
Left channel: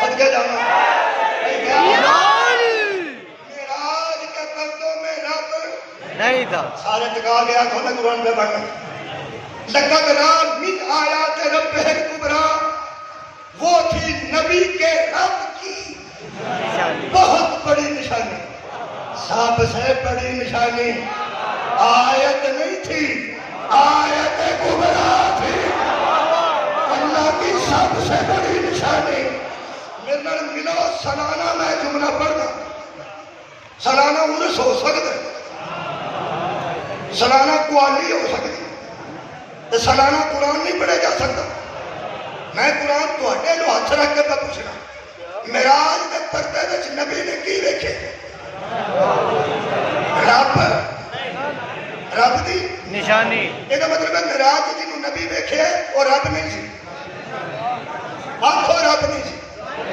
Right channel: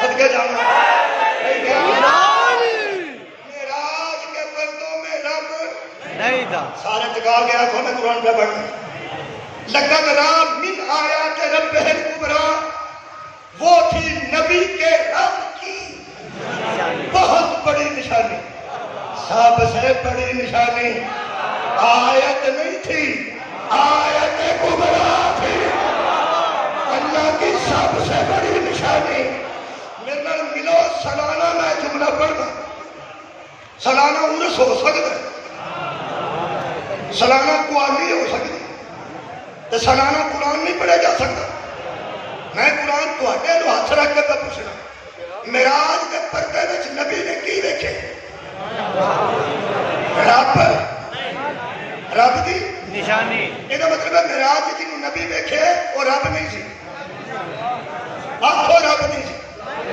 صدقہ جانا نانی معراج کے پردوں میں رب نہیں تھا. سارے ٹکا گیا تو میں قرآن پہ پڑھنا لقد رات من آیات رب الکبریٰ وہ تھی نبی کے رب کی نشانی. بہت بڑی نشانی سب سے بڑی نشانی آیت نہیں تھی آیت کبریٰ تھی اللہ کی سب سے بڑی نشانی میرے ملو سالانہ میں جملہ پڑھنا سالانہ عرس ہو سکتا ہے سالانہ قوالی ہو سکتی تو سالانہ قرآن نہیں پڑھے جا سکتا میں قرآن تو ہاتھ رکھ کے پوچھنا معراج کے پردے وچ نبی نے کی دیکھے رب دی نشانی. یہ مطلب ہے معراج جنہوں نبی دیکھے وہ رب نہیں سی آنکھوں رب نہیں سی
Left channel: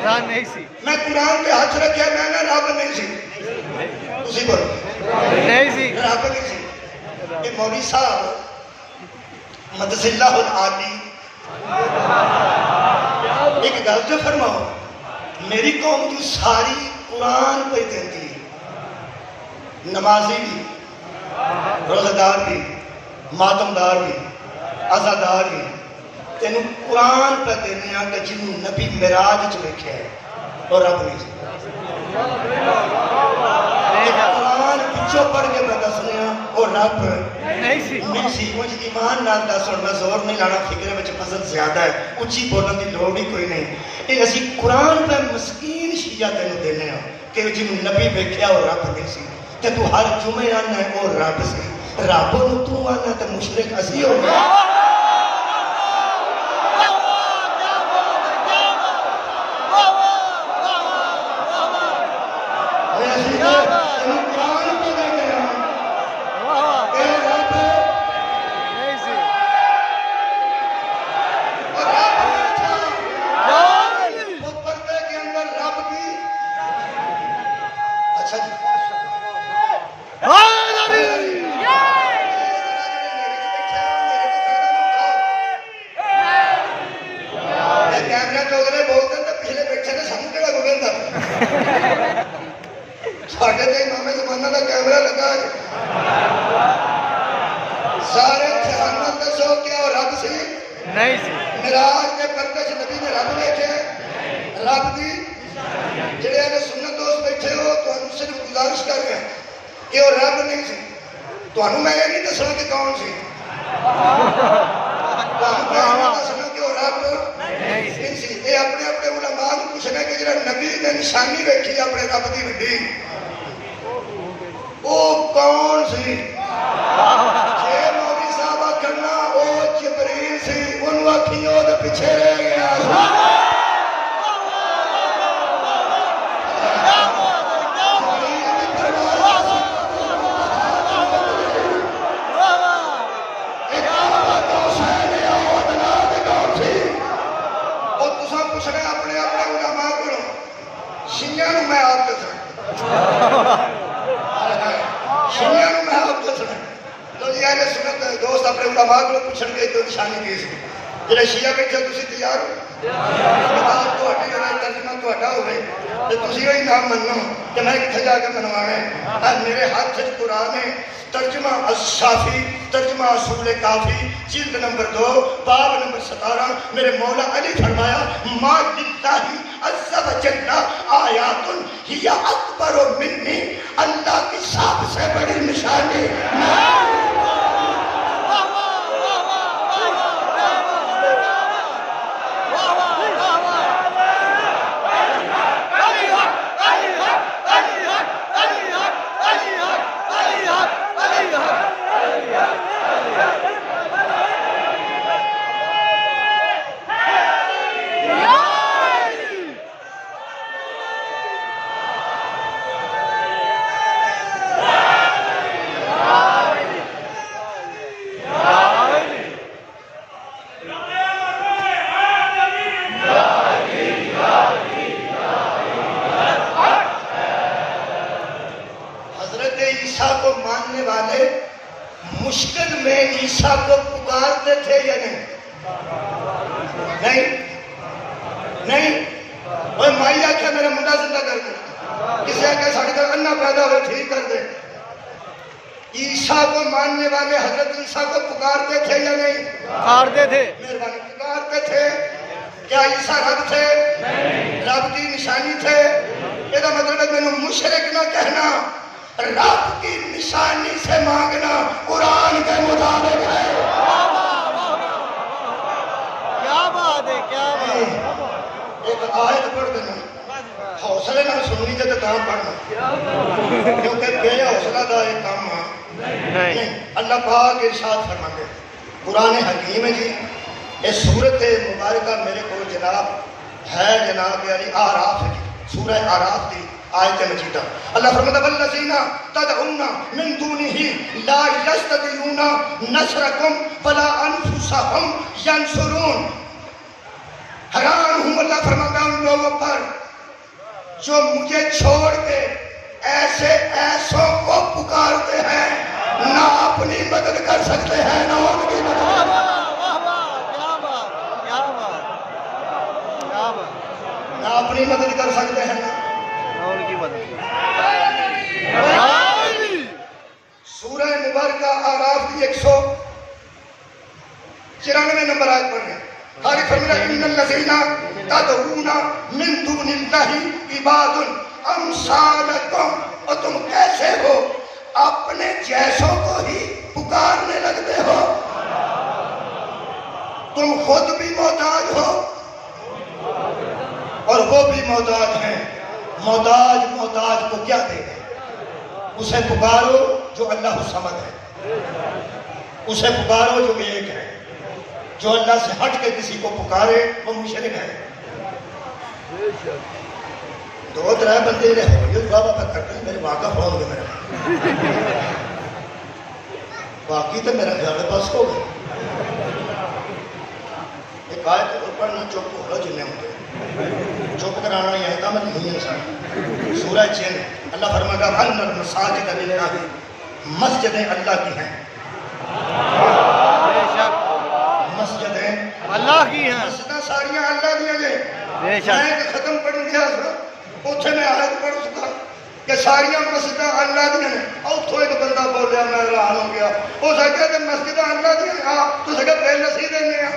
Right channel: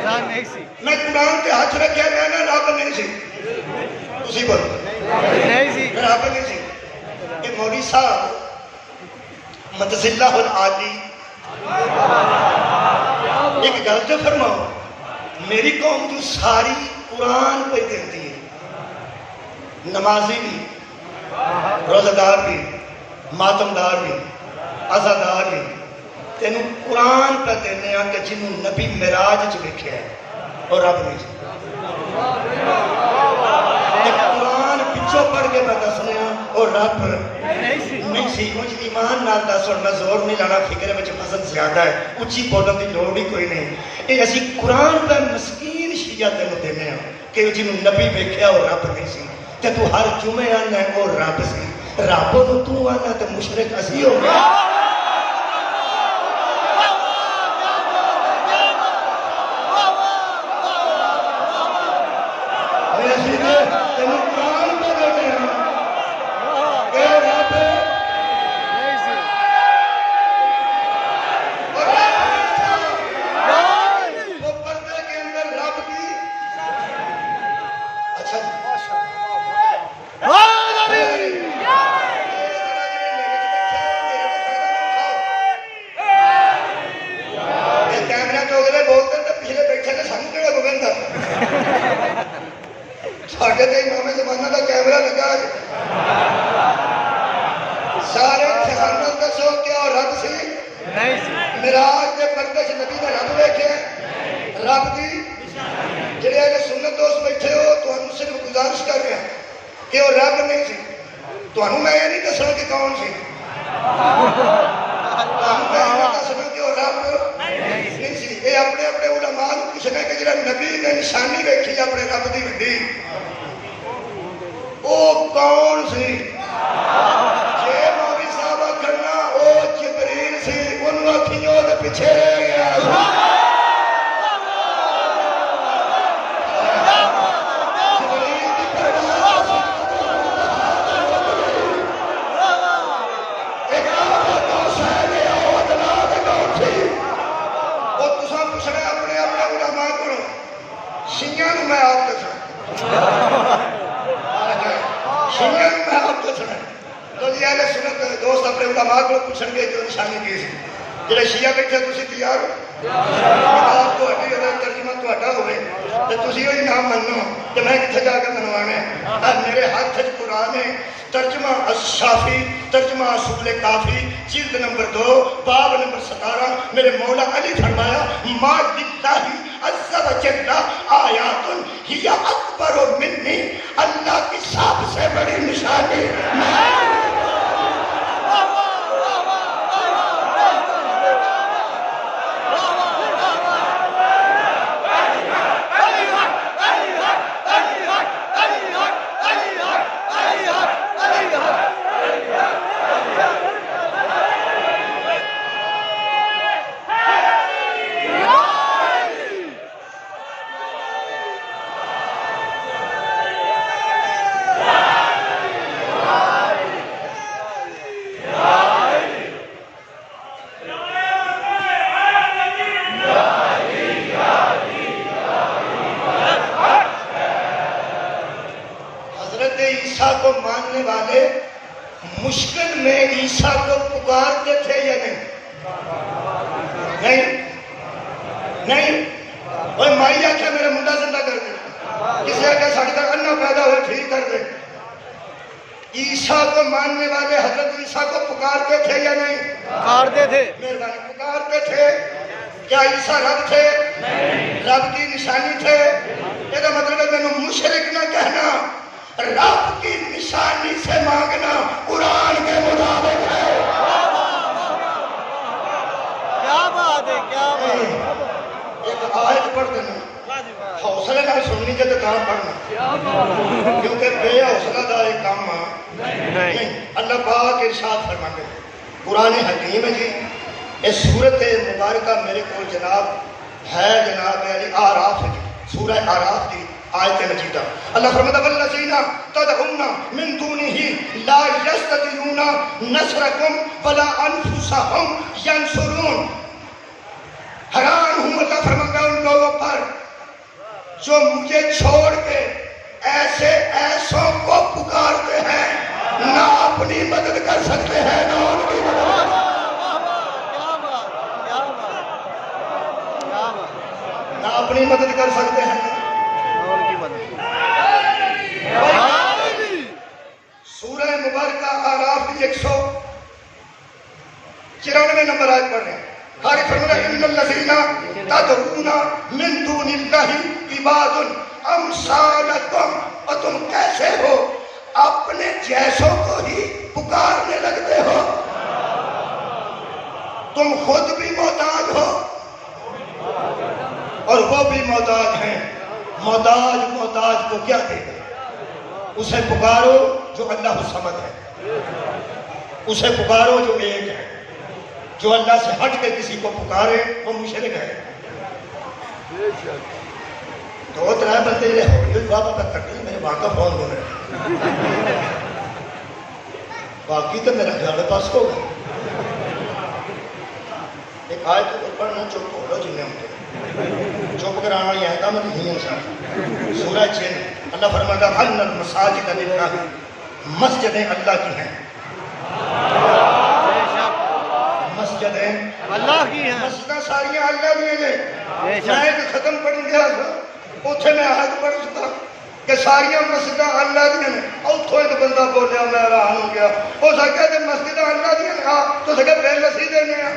رات نہیں سی. میں قرآن کے ہاتھ رکھے میں نے رب نہیں سی تسی بولو نہیں سی. رب نہیں سی یہ مولوی صاحب مدذلہ العالی ایک گل جو فرماؤ میری قوم جو ساری قرآن پہ دیتی ہے نمازی بھی روزدار بھی ماتمدار بھی عزادار بھی تینوں قرآن پہ دینے ہیں کہ جنہوں نبی معراج چ ویکھے ہے اور رب نہیں سی قرآن پچھو پڑھ کے بتا سنے اور رب نہیں سی مجھ ایمان نال دس اور میں زور نہیں لانا فکر میں مزد زیادہ ہے اچھی بولن کی لوڑ نہیں کوئی نہیں یہ اسی قرآن پر مسکین شیعہ تینوں دینے ہیں کہ جنہوں نبی ویکھیا اور رب نہیں سی تے تو ہر جمعے آنا ہے اور رب سی رب نو تو آنا تے مشرک اسی ہو گیا وہ مائی آخیا میرا منڈا زندہ کر دے، کسی آخیا ساڑھے تک انا پیدا ہوئے ٹھیک کر دے۔ عیسیٰ کو ماننے والے حضرت عیسیٰ کو پکارتے تھے یا نہیں؟ پکارتے تھے، مہربانی پکارتے تھے۔ کیا عیسیٰ رب تھے؟ رب کی نشانی تھے؟ یہ مطلب ہے میں مشرک نہ کہنا، رب کی نشانی سے مانگنا قرآن کے مطابق ہے۔ کیا بات ہے، کیا بات ہے۔ ایک آیت پڑھ دینا، حوصلے نہ سننی جب کام پڑھنا، کیونکہ بے حوصلہ دا ایک کام نہیں۔ اللہ پاک ارشاد فرماتے ہیں، قرآن حکیم ہے جی، یہ سورت مبارکہ میرے کو جناب ہے، جناب یعنی آراف ہے جی، سورہ آراف کی آیت مجیدہ۔ اللہ فرماتا ہے والذین تدعون من دونہ لا یستطیعون نصرکم ولا انفسہم ینصرون۔ حیران ہوں اللہ فرماتا ہے ان لوگوں پر جو مجھے چھوڑ کے ایسوں کو پکارتے ہیں، نہ اپنی مدد کر سکتے ہیں نہ ان کی مدد کر سکتے ہیں۔ نہ اپنی مدد کر سکتے ہیں اور کی مدد۔ سورہ مبارکہ آراف کی 194 نمبر آیت پڑھ رہے ہیں۔ حالت فرماتا ہے ان الذین تدعون من دون اللہ عباد امثالکم، اور تم کیسے ہو اپنے جیسوں کو ہی پکارنے لگتے ہو، تم خود بھی محتاج ہو اور وہ بھی محتاج ہیں۔ محتاج کو کیا دے گا؟ اسے پکارو جو اللہ الصمد ہے، اسے پکارو جو ایک ہے۔ جو اللہ سے ہٹ کے کسی کو پکارے وہ مشرک ہے۔ دو ترائے بندے رہے یہ دعا بابا کرتے ہیں، میرے ماں کا فون کر رہے ہیں، باقی تو میرا گھر پاس ہوگا۔ ایک آیت کو پڑھنا چپ ہو رہا جنہیں ہوتے چپ کرانا یہ ہے میں نہیں انسان۔ سورہ جن اللہ فرماتا ہے ان المساجد للہ، مسجدیں اللہ کی ہیں، مسجدیں اللہ کی ہیں، مسجدیں ساریاں اللہ دیا گئے۔ بے شک۔ میں ایک ختم پڑھ گیا اتنے میں آیت پڑھ سکتا کہ ساریاں مسجدیں اللہ دیا ہیں۔ اتھو ایک بندہ بولیا میں حیران ہو گیا، وہ سکتا کہ مسجدیں اللہ دیا ہیں تو سکتا بے نصیح دینے ہیں۔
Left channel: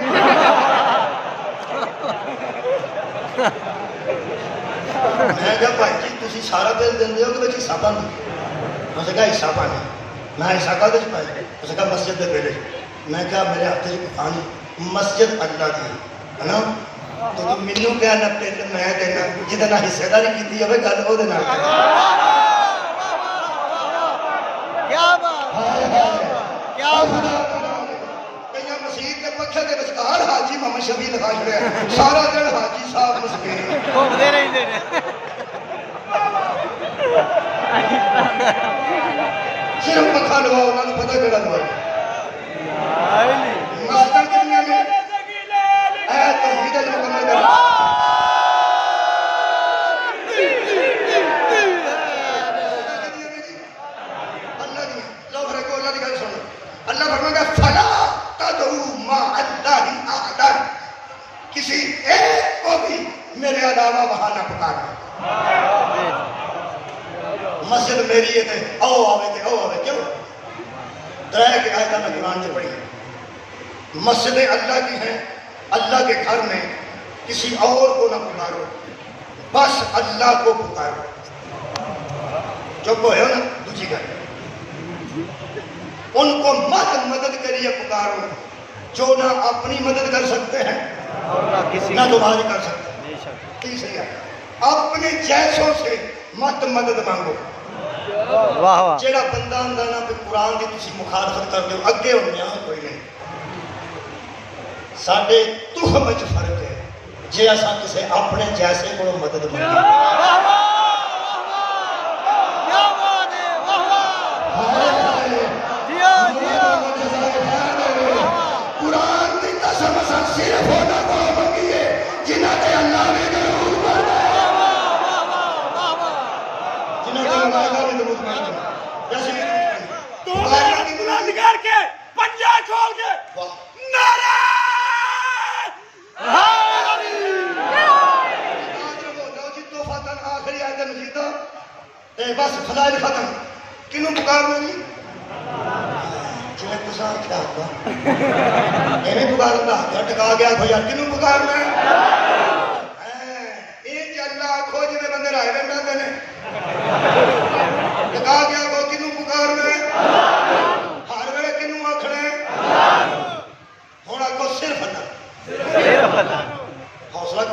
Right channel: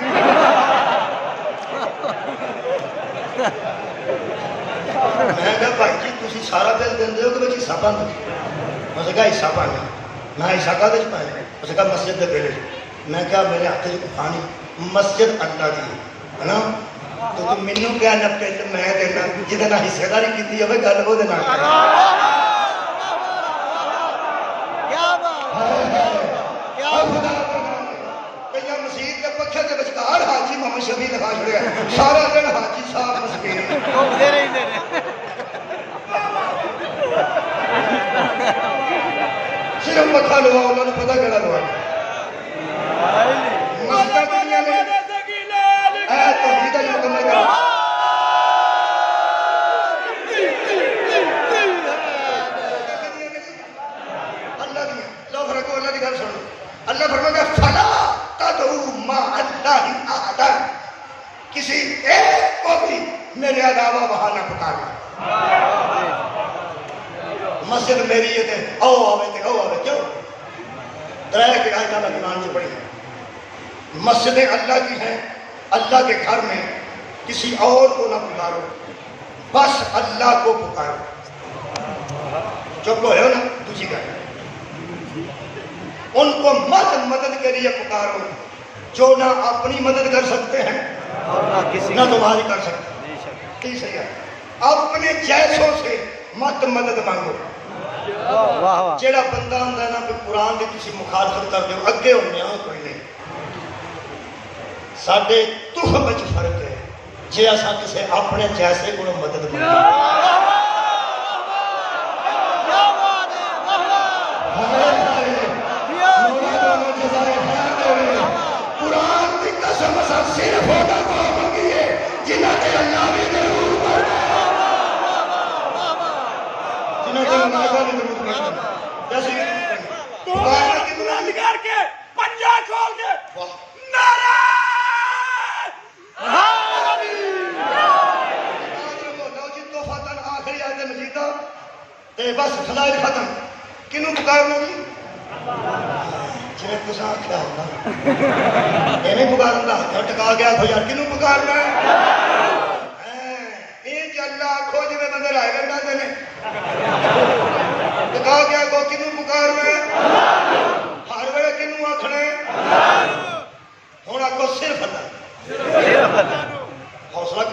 میں کہا بھائی جی تسی سارا بل دن دیو کہ حصہ بن دو، میں کہا حصہ بن میں حصہ کا دے پائے اس کہا مسجد دے بیلے۔ میں کہا میرے ہاتھ سے پانی مسجد اللہ دی ہے نا، تو تم منو پیا نپٹے تو میں دینا جتنا حصے داری کی تھی ابھی گل ہو دینا۔ کیا بات ہے، کیا بات ہے۔ مسجد کے پکھے دے وچکار حاجی محمد شفیع لگا چھڑیا، سارا دن حاجی صاحب مسجد گھومتے رہتے ہیں۔ صرف پکھا لوا انہوں نے پتہ کہڑا لوا مسجد دنیا میں اے توحید ہے مکمل کرو۔ اللہ دیا لو فرقو اللہ دی گل سنو، اللہ فرماتا ہے فلا تدعو مع اللہ احدا، کسی ایک کو بھی میرے علاوہ وہاں نہ پکارنا۔ مسجد میری ہے او آوے کیوں درائے کے آئے جانا قرآن سے پڑھی ہے۔ مسجدیں اللہ کی ہیں، اللہ کے گھر میں کسی اور کو نہ پکارو، بس اللہ کو پکارو۔ چپ ہوئے ہو نا دوسری بات، ان کو مدد کے لیے پکارو جو نہ اپنی مدد کر سکتے ہیں اور نہ کسی نہ تمہاری کر سکتے ہیں۔ بے شک۔ تیسری ہے اپنے جیسوں سے مت مدد مانگو۔ واہ واہ۔ جیڑا بندہ آندا ہے نا کہ قرآن دی تسی مخالفت کر دیو اگے ہونے آ کوئی نہیں، ساڈے تخم وچ فرق ہے جے اساں کسے اپنے جیسے کو مدد مانگو۔ قرآن دی قسم اساں صرف ہونا کو منگیے جنہاں تے اللہ نے ضرور کرنا جنہاں تے اللہ نے ضرور کرنا جیسے کہ بلند کر کے پنجے کھول کے نعرہ سے مجیدہ بس فضائل ختم کنوں پکارنا جی جی کسا کیا ہوگا ایویں پکارنا ٹکا گیا تو یار کنوں پکارنا یہ اللہ آخو جی میں بندے رائے بنا دینے ٹکا گیا کو کنوں پکارنا ہر ویلے کنوں آخنا ہوں آگو صرف اللہ حوصلہ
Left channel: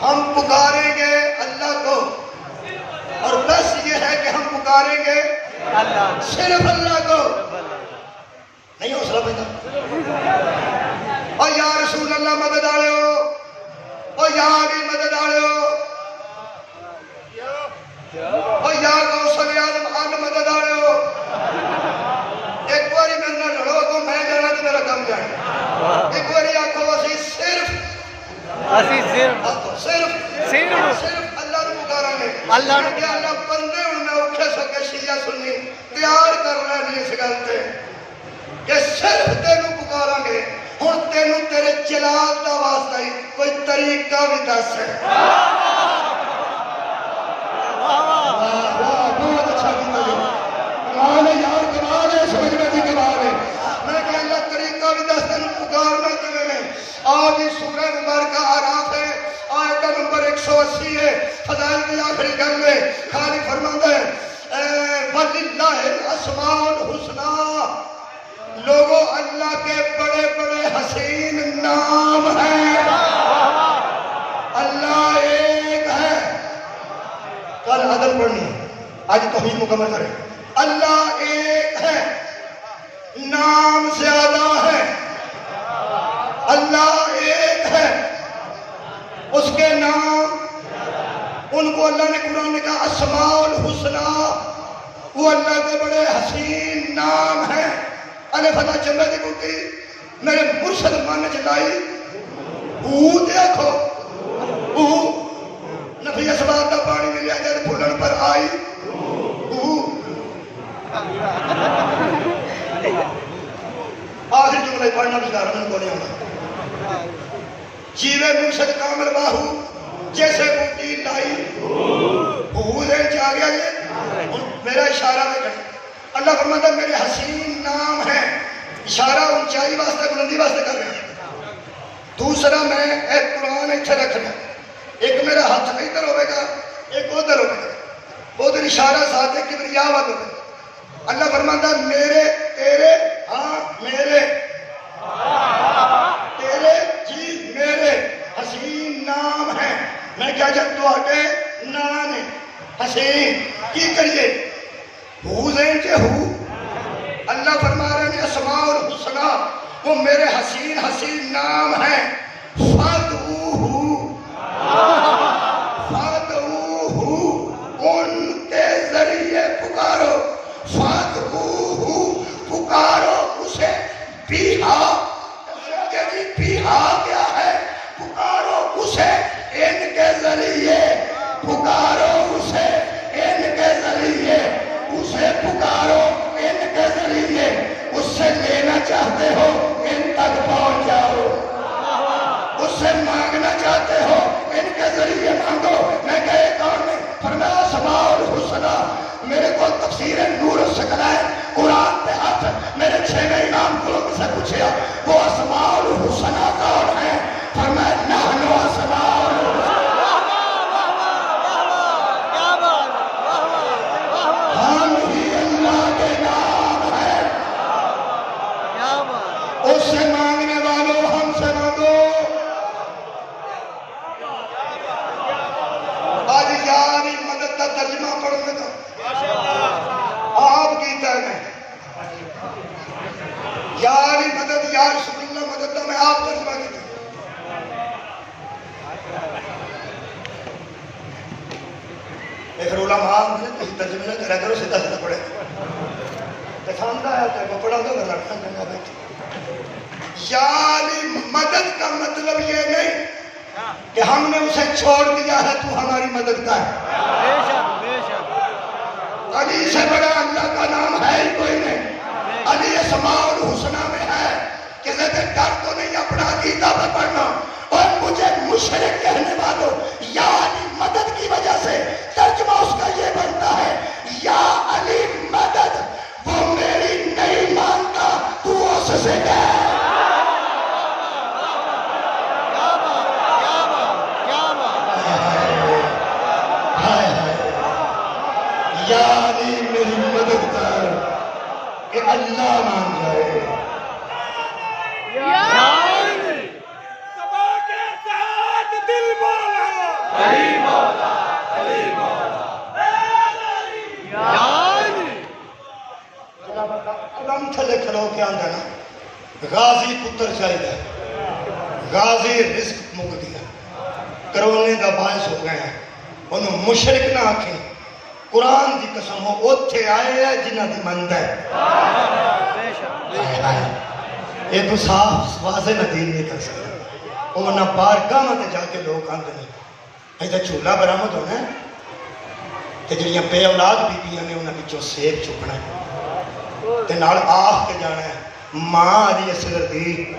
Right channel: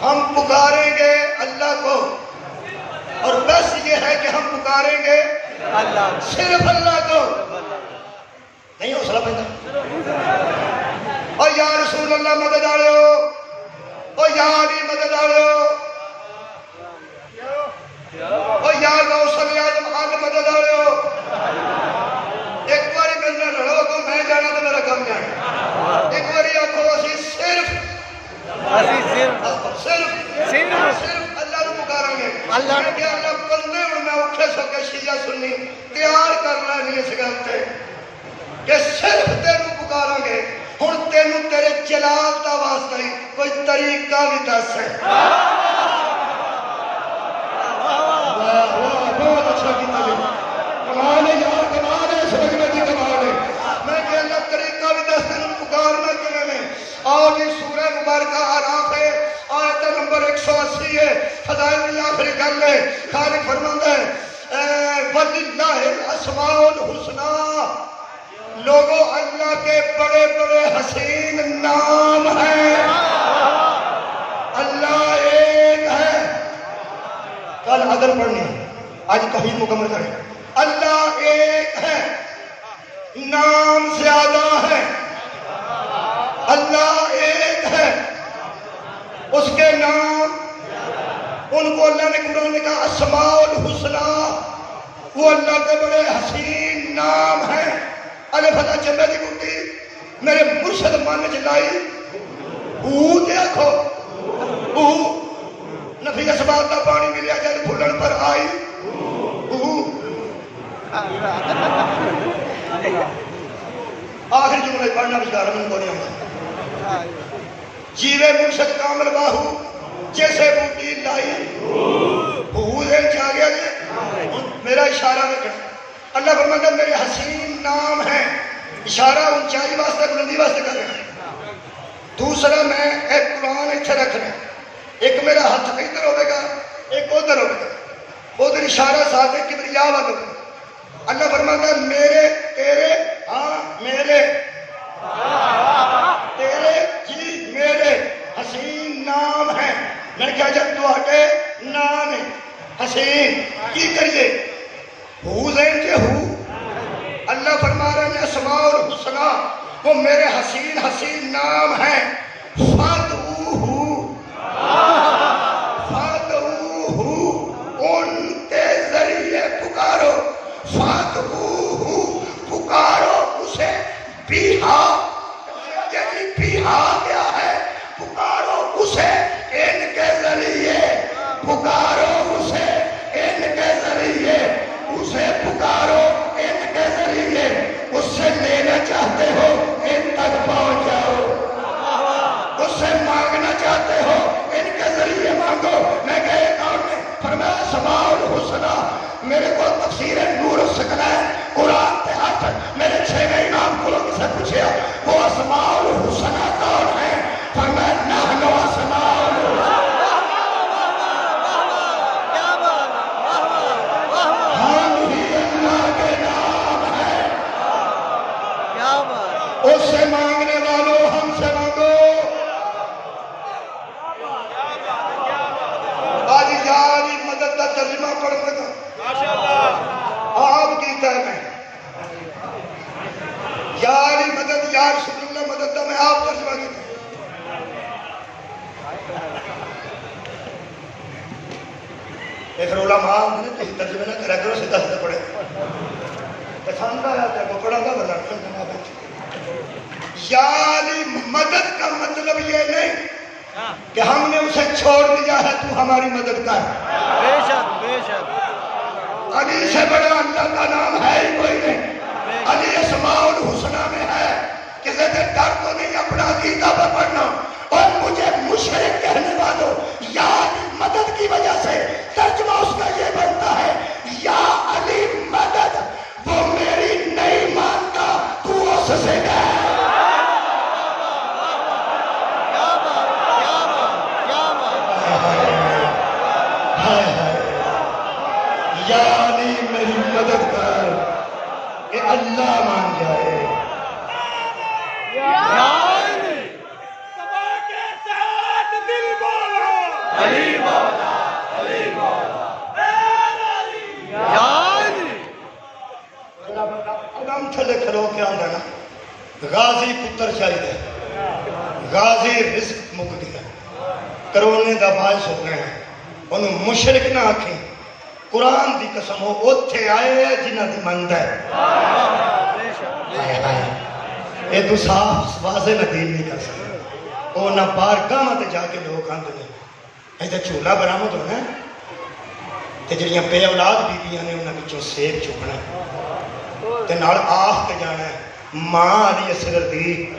ہم پکاریں گے اللہ کو اور بس یہ ہے کہ ہم پکاریں گے اللہ صرف اللہ کو نہیں حوصلہ بندہ اور یا رسول اللہ مدد آ رہے ہو اور یا علی مدد آ رہے ہو اور یا غوث اعظم آگ مدد آ رہے ہو ایک باری میرے نال لڑو تو میں جانا تو میرا کم جائے ایک باری آخو اسی صرف اللہ نو پکاریں گے اللہ نو کہ اللہ بندے ہوں میں اٹھے سو کے شیعہ سنی تیار کر لینی اس گل تے کہ صرف تینوں پکاریں گے ہوں تینوں تیرے جلال دا واسطہ ہی کوئی طریقہ بھی دس ہے بہت اچھا کیتا جی کمال ہے یار کمال ہے سمجھنے کی کمال ہے میں کہ اللہ طریقہ بھی دس تینوں پکارنا کیویں نے اور یہ سورہ مبارکہ آراف ہے آیت نمبر 180 ہے فضائل کی آخری گل ہے خالق فرماتا ہے وَلِلَّهِ الْأَسْمَاءُ الْحُسْنَى لوگوں اللہ کے بڑے بڑے حسین نام ہیں اللہ ایک ہے کل عدل پڑھنی ہے آج توحید مکمل کریں اللہ ایک ہے نام زیادہ ہے اللہ ایک ہے اس کے نام ان کو اللہ نے قرآن میں کہا اسماء الحسنى وہ اللہ کے بڑے حسین نام ہیں الف فتح چلے دی بوٹی میرے مرشد مانے چلائی دیکھو نفی اسباب کا پانی ملیا جب پھولن پر آئی آخری جملے پڑھنا بشکار من کو نہیں ہوگا جیوے مرشد کامل باہو جیسے بوٹی لائی دین چاہ گیا جائے میرا اشارہ رکھنا اللہ فرماتا ہے میرے حسین نام ہے اشارہ اونچائی واسطہ بلندی واسطہ کر رہے ہیں دوسرا میں ایک قرآن اتھے رکھنا ایک میرا ہاتھ ادھر ہوئے گا ایک ادھر ہوئے گا ادھر اشارہ ساتھ ہے کبریا والا اللہ فرماتا ہے میرے تیرے ہاں میرے تیرے جی میرے حسین نام ہے میں کیا جب تو آٹے نام ہے حسین کی کریے زین کے اللہ فرما رہے ہیں اسماء الحسنى وہ میرے حسین حسین نام ہیں فادعوہ ان کے ذریعے پکارو پکارو اسے بیہا کیا ہے پکارو اسے ان کے ذریعے پکارو اسے ان کے ذریعے اسے پکارو ان کے ذریعے اس سے لینا چاہتے ہو ان تک پہنچ جاؤ اس سے مانگنا چاہتے ہو ان کے ذریعے مانگو میں کہے اور میں فرمایا اسماء الحسنى میرے کو تفسیر نور الثقلین قرآن پہ ہاتھ میرے 6 امام کو سے پوچھا وہ اسماء الحسنى کون ہیں فرمایا نحن اسماء الحسنى اس سے مانگنے والوں ہم سے مانگو آج یاری مدد کا ترجمہ پڑھ لگا آپ کی ہے میں یاری مدد یا رسول اللہ مدد میں آپ ترجمہ کی تھا ایک علماء نے تو ترجمہ نہ کرا کرو سیدھا سیدھا پڑھے پسند آیا تھا وہ پڑھا تھا وزارت میں بیٹھے یاری مدد کا مطلب یہ نہیں کہ ہم نے اسے چھوڑ دیا ہے تو ہماری مدد کا ہے بے شک علی سے بڑا اللہ کا نام ہے ہی کوئی نہیں علی اسماء الحسنى میں ہے کسی سے ڈر تو نہیں اپنا عقیدہ پکڑنا اور مجھے مشرک کہنے والوں یا علی میری مدد کر کہ اللہ مان جائے. یا علی سبا کے ساتھ دل بولا علی مولا علی مولا یا علی. اب ہم تھلے کھلو کے آندے نا غازی پتر چاہیے غازی رزق مک دیا کرونے دا باعث ہو گئے ہیں انہوں مشرک نہ آکھیں قرآن دی قسم ہو اوتھے آئے ہیں جنہ دی مند ہے بے شک یہ تو صاف واضح ندین نہیں کر سکتے وہ نہ بارگاہ میں جا کے لوگ آندے نے ایسا چولہا برآمد ہونا ہے تے جڑیاں بے اولاد بیبیاں نے انہاں وچوں سیب چکنا ہے تے نال آخ کے جانا ہے ماں علی اصغر دی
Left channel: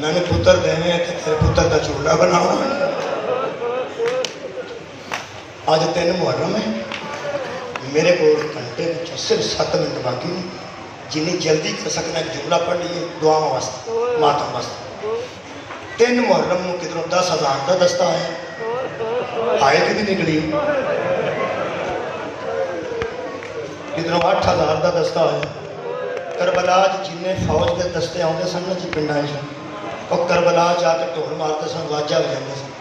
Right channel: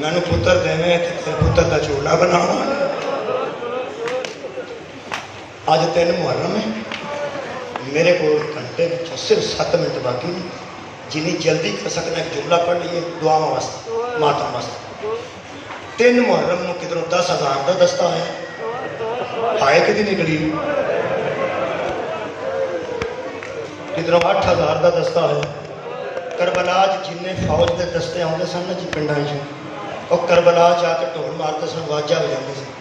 میں نے پتر دینے تے پتر دا چولہا بنانا. آج 3 محرم ہے میرے کو گھنٹے کی صرف 7 منٹ باقی جنہیں جلدی کر سکنا ایک جملہ پڑھ لیے دعا واسطے ماتم واسطے. 3 محرم میں کدھروں 10,000 کا دستہ ہے آئے کدی نکلی کدھروں 8,000 کا دستہ ہے. کربلا جنہیں فوج کے دستے آتے سن جی پنڈا اور کربلا جا کے ٹھوڑ مارتے سن واجہ ہو جاتے سن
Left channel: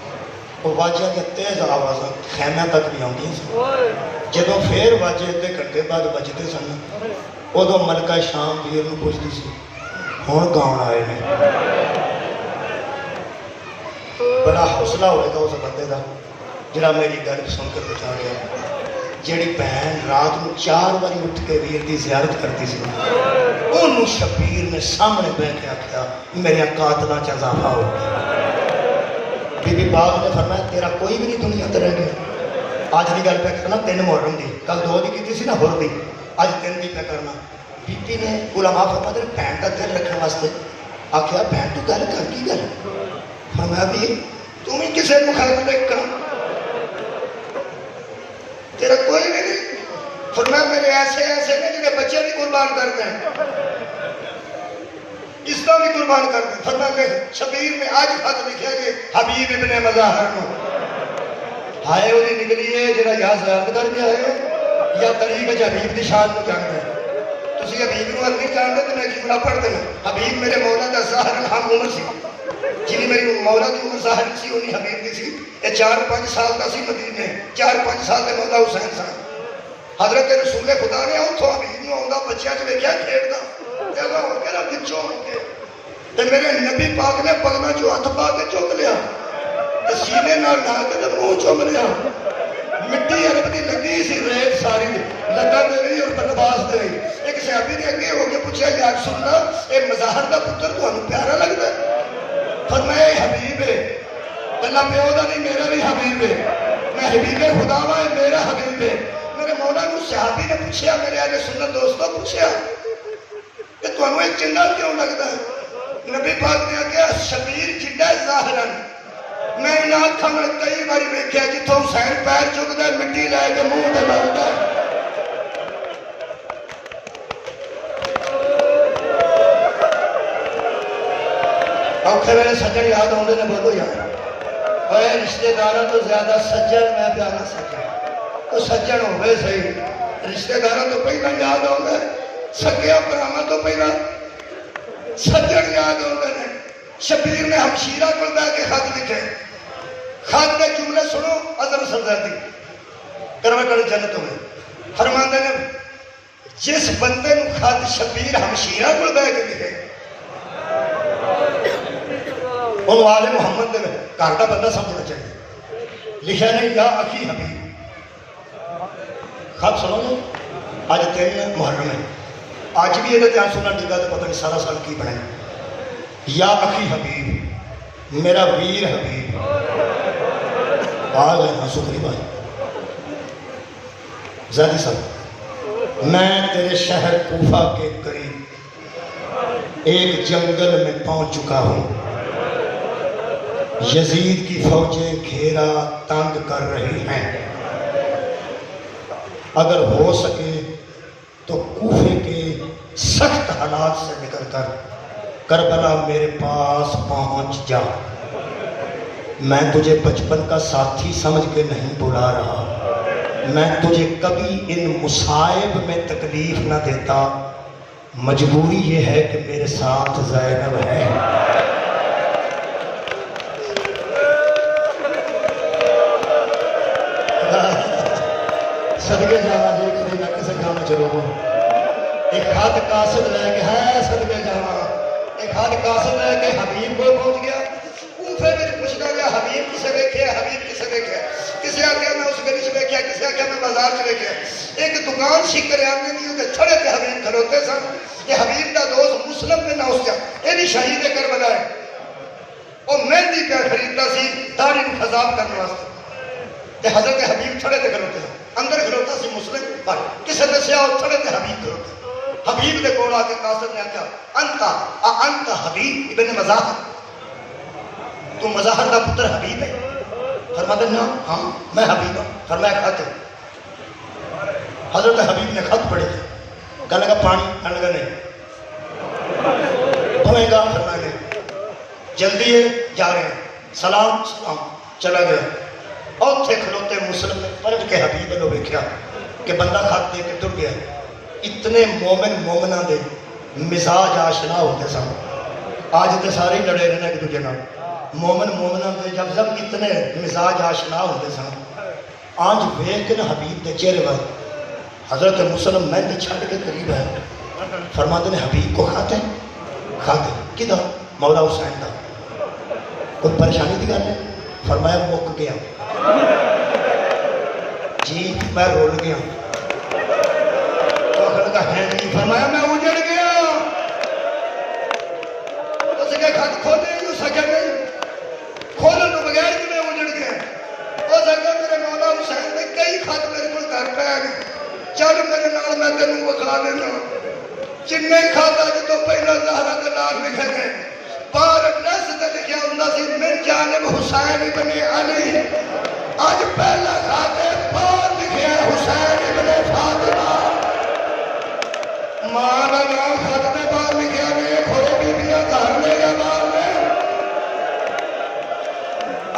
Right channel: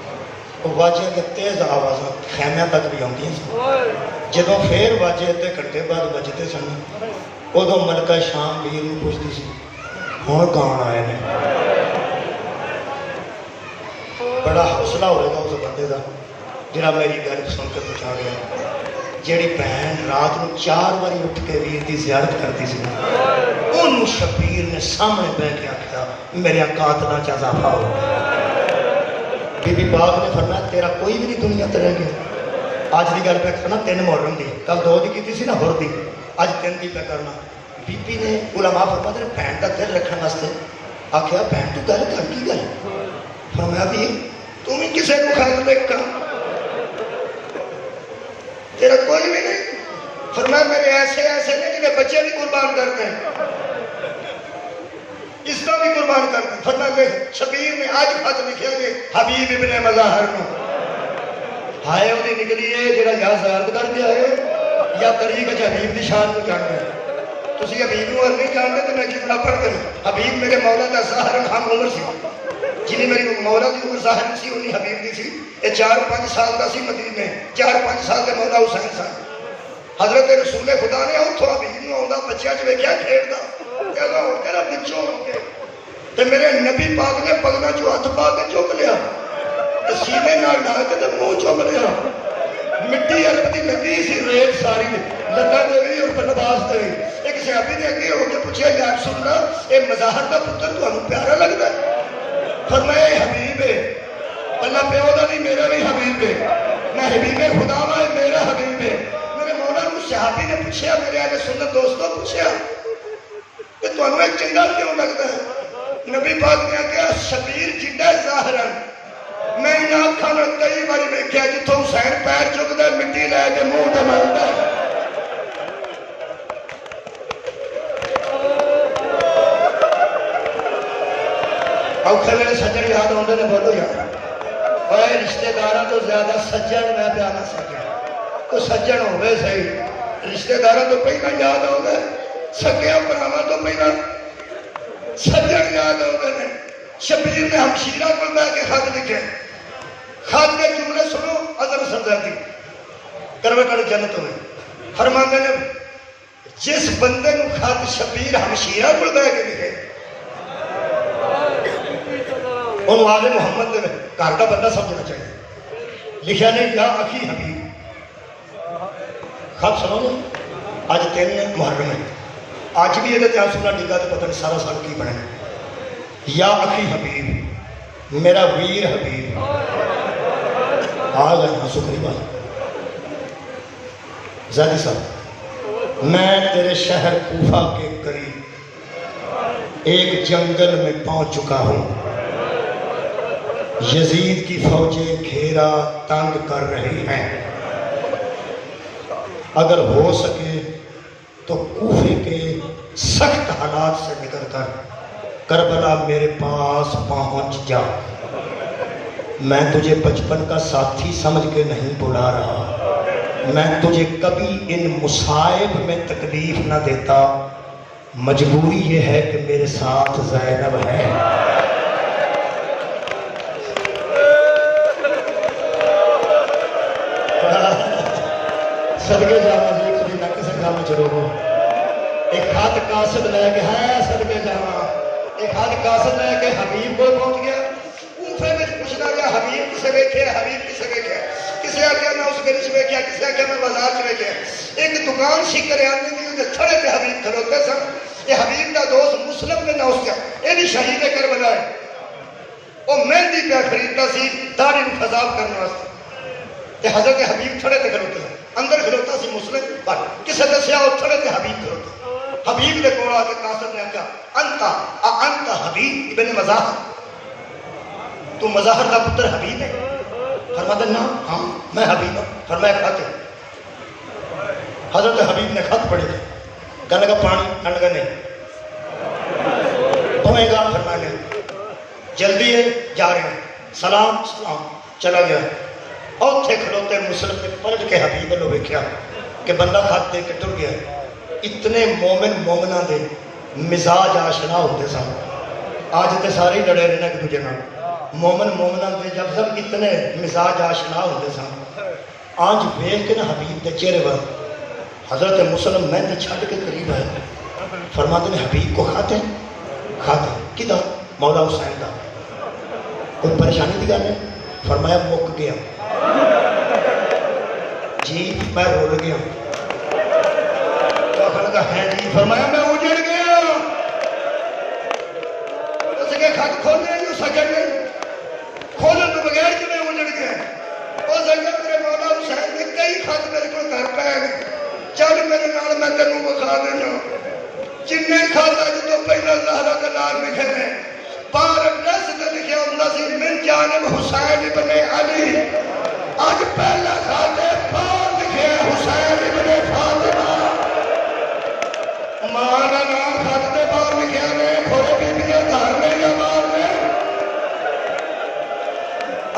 وہ واجہ کے تیز آواز خیمے تک بھی آتی سن جدوں پھر واجے ادھے گھنٹے بعد بجتے سن ادو ملکہ شام بھی انہوں پوچھتی سی ہوں گاؤں آئے ہیں. بڑا حوصلہ ہوئے گا اس بندے کا جڑا میری گل سن کے پوچھا گیا جیڑی بہن رات کو 4 بار اٹھ کے ویر دی زیارت کرتی سی انہوں شبیر نے سامنے بہ کے آکھیا میرے قاتلاں چ اضافہ ہو گیا. بی بی باغ نے فرمایا تیرا کوئی بھی نہیں دنیا تے رہ گیا. آج کی گل پہ کرنا 3 محرم دی کل 2 دی کی سی نا ہور دی اج 3 دی پہ کرنا. بی بی نے علماء فرماتے ہیں بہن کا دل رکھنے واسطے آخیا بہن تو گل کر کی گل فرمایا بھی تم ہی کسی کو خیر لے کر تیرا کوئی بھی نہیں. فرمایا میرے ایسے ایسے نہیں جنہیں بچے بھی قربان کرتے ہیں اس کا بھی قربان کرتے ہیں. فرمایا میں شبیر میں آج خط لکھا کہ حبیب ابن مظاہر کو ہائے وہ نکلی ہے جڑا یا زیارت کر کے آئے یا طریق حبیب دی شان کو جانتے ہیں. تسی حبیب کو نہیں جانتے تو میں کتنا پڑھتے ہیں. حبیب میرے مولا دا ظاہر ہم عمر سی جنہی میری مولا کی عمر ظاہر سی انہی حبیب دی سی. یہ 4-5 سال کا سی مدینے 4-5 سال کے مولا حسین سان حضرت رسول خدا نے اتھوں حبیب نو آندا بچیاں چ ویکھیا کھیڈدا چلو ہو کے بچوں ہو کے تے میرے نبی پاک نے پگنا جو ہاتھ پا کے چک لیا تے سینے نال ڈال کے تے منہ چوم لیا. مٹی عرب دی لگی سی ریت ساری لگا دے گئی اور بنواس دے گئی. ایک صحابی نے اگے ہو کے پوچھا یا رسول اللہ اے مظاہر دا پتر تانوں پیارا لگدا ہے؟ فرمایا حبیب ہے اللہ پیو دا نہیں میرا بھی حبیب ہے میں حبیب خدا وا میرا حبیب ہے. میرے مولا نو صحابی نے پوچھا میرے اہل سنت دوستوں پوچھا کہ تانوں ایک چنگا کیوں لگدا ہے؟ نبی پاک نے کہا شبیر جڈا ظاہرن میں انہاں اکھاں میں کئی بار دیکھا جتھوں حسین پیر چکدا مٹی لے کے منہ تے ماردا اوکھے ویلے سجن یاد آتے نے بولو یار اور رشتے داراں تو زیادہ سجن میں پیا نہ سکیا تو سجن ہوئے صحیح رشتے داراں تو پہلا یاد آتا ہے سکیا پراواں تو پہلا سجن یاد آتے ہیں. شبیر نے ہمشیرہ کو بیٹھ کے خط لکھے خط کے جملے سنو حضرت سرزادی کروے کڑے جنت ہوئے فرماندے نے جس بندے کو خط شبیر ہمشیرہ کو بیٹھ کے لکھے اور والے محمد نے گھر کا بندہ سمجھنا چاہیے لکھا نے یا اخی حبیب خط سنو گے آج 3 محرم ہے آج بھی یہ دھیان سننا ڈگا تو پتہ نہیں سارا سال کی بڑھے یا اخی حبیب میرا ویر حبیب آ گئے ہیں شکری بات زیادی صاحب میں تیرے شہر کوفہ کے قریب ایک جنگل میں پہنچ چکا ہوں. یزید کی فوجیں گھیرا تنگ کر رہی ہیں. اگر ہو سکے تو کوفے کے سخت حالات سے نکل کر کربلا میرے پاس پہنچ جا. میں تجھے بچپن کا ساتھی سمجھ کے نہیں بلا رہا میں تجھے کبھی ان مصائب میں تکلیف نہ دیتا، مجبوری یہ ہے کہ میرے ساتھ زینب ہے۔ صدقے جانا جی کبھی نہ کسی کام چلو گو، ایک ہاتھ قاصد لے کے ہے صدقے جانا، ایک ہاتھ قاصد لے کے حبیب کو پہنچ گیا۔ کوفے میں پوچھنا گیا حبیب کسے دیکھے، حبیب کسے دیکھے، کسے آگیا میں اس گلی سے دیکھا، کسے آگیا میں بازار سے دیکھا۔ ایک دکان سی کریانے کی تے چھڑے تے حبیب کھڑوتے سن، یہ حبیب دا دوست مسلم میں نہ اس کا یہ بھی شہید کربلا ہے، وہ مہندی پہ خریدتا سی داڑھی میں خضاب کرنے واسطے، تے حضرت حبیب چھڑے تے کھڑوتے سن، اندر کھڑوتا سی مسلم پر کسے دسیا وہ چھڑے تے حبیب کھڑوتے، حبیب دے کول آ کے قاصد نے کہا انت حبیب ابن مظاہر، تو مظاہر دا پتر حبیب ہے؟ فرمایا نا ہاں میں حبیب ہوں۔ فرمایا خط، حضرت حبیب نے خط پڑھے تھے، کہنے لگا پانی، کہنے لگا نہیں، بھوئیں گا، فرمایا نہیں، جلدی ہے جا رہے ہیں، سلام سلام، چلا گیا۔ اور تھے کھڑوتے مسلم نے پلٹ کے حبیب نے دیکھا کہ بندہ خط دے کے ٹر گیا۔ اتنے مومن مومنہ دے مزاج آشنا ہوتے سن، آج تے سارے ہی ڈرے رہنے ایک دوجے نال، مومن مومنہ دے جب سب اتنے مزاج آشنا ہوتے سن، آج ویکھ کے نا حبیب دے چہرے پر حضرت مسلم مہندی چھڈ کے قریب ہے، فرماتے نے حبیب کو خط ہے؟ خط کدا؟ مولا حسین دا، کوئی پریشانی کی گل ہے؟ فرمایا مک گیا جی، میں رول گیا، ہے جی، فرمایا میں اجڑ گیا، اس کے خط کھولنے نہیں سکے، نہیں کھولنے تو بغیر کہ میں اجڑ گیا۔ وہ سکتا میرے مولا حسین نے کئی خط میرے کو گھر پہ آئے، چل میرے نال میں تینوں بخا دینا، جننے خط اج تو پہلے اللہ کا نام لکھے تھے، باہر نس تے لکھیا ہوندا سی من جانب حسین ابن علی، اج پہلا خط باہر لکھیا ہے حسین ابن فاطمہ، مانا نام خط کے باہر لکھیا نے کھوڑے بیبیاں گھر میں یا باہر میں،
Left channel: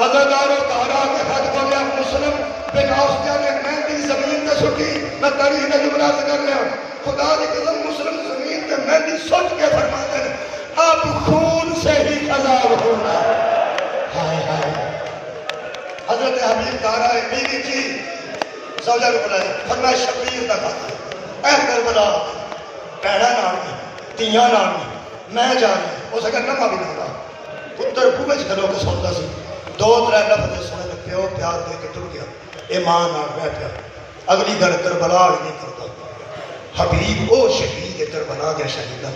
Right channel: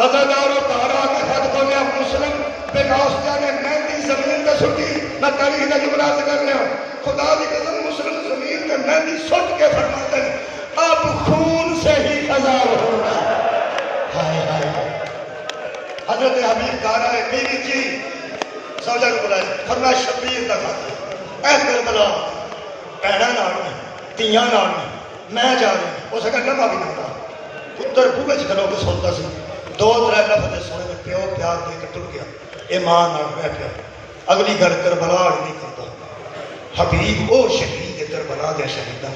عزادار و تارا کے خط کو لیا مسلم بن اوسطیہ نے مہندی زمین میں سٹی، میں تاریخ کا جملہ سے کر لیا، خدا کی قسم مسلم زمین میں مہندی سٹ کے فرماتے ہیں اب خون سے ہی خزاب ہونا ہے۔ حضرت حبیب تارا بیوی جی سوجہ نے بلائے، فرمایا شبیر کا خط، اے کربلا پیڑا نام نہیں، تیاں نام نہیں، میں جا رہی ہوں، اس کا نمہ بھی نہیں تھا، پتر بوئے کھڑو کے سنتا سی، دو ترے لفظ سنے پیو پیار دے کے ٹر گیا، ایمان نال بیٹھ گیا، اگلی گل کربلا نہیں کرتا۔ حبیب او شہید کربلا دے شہیداں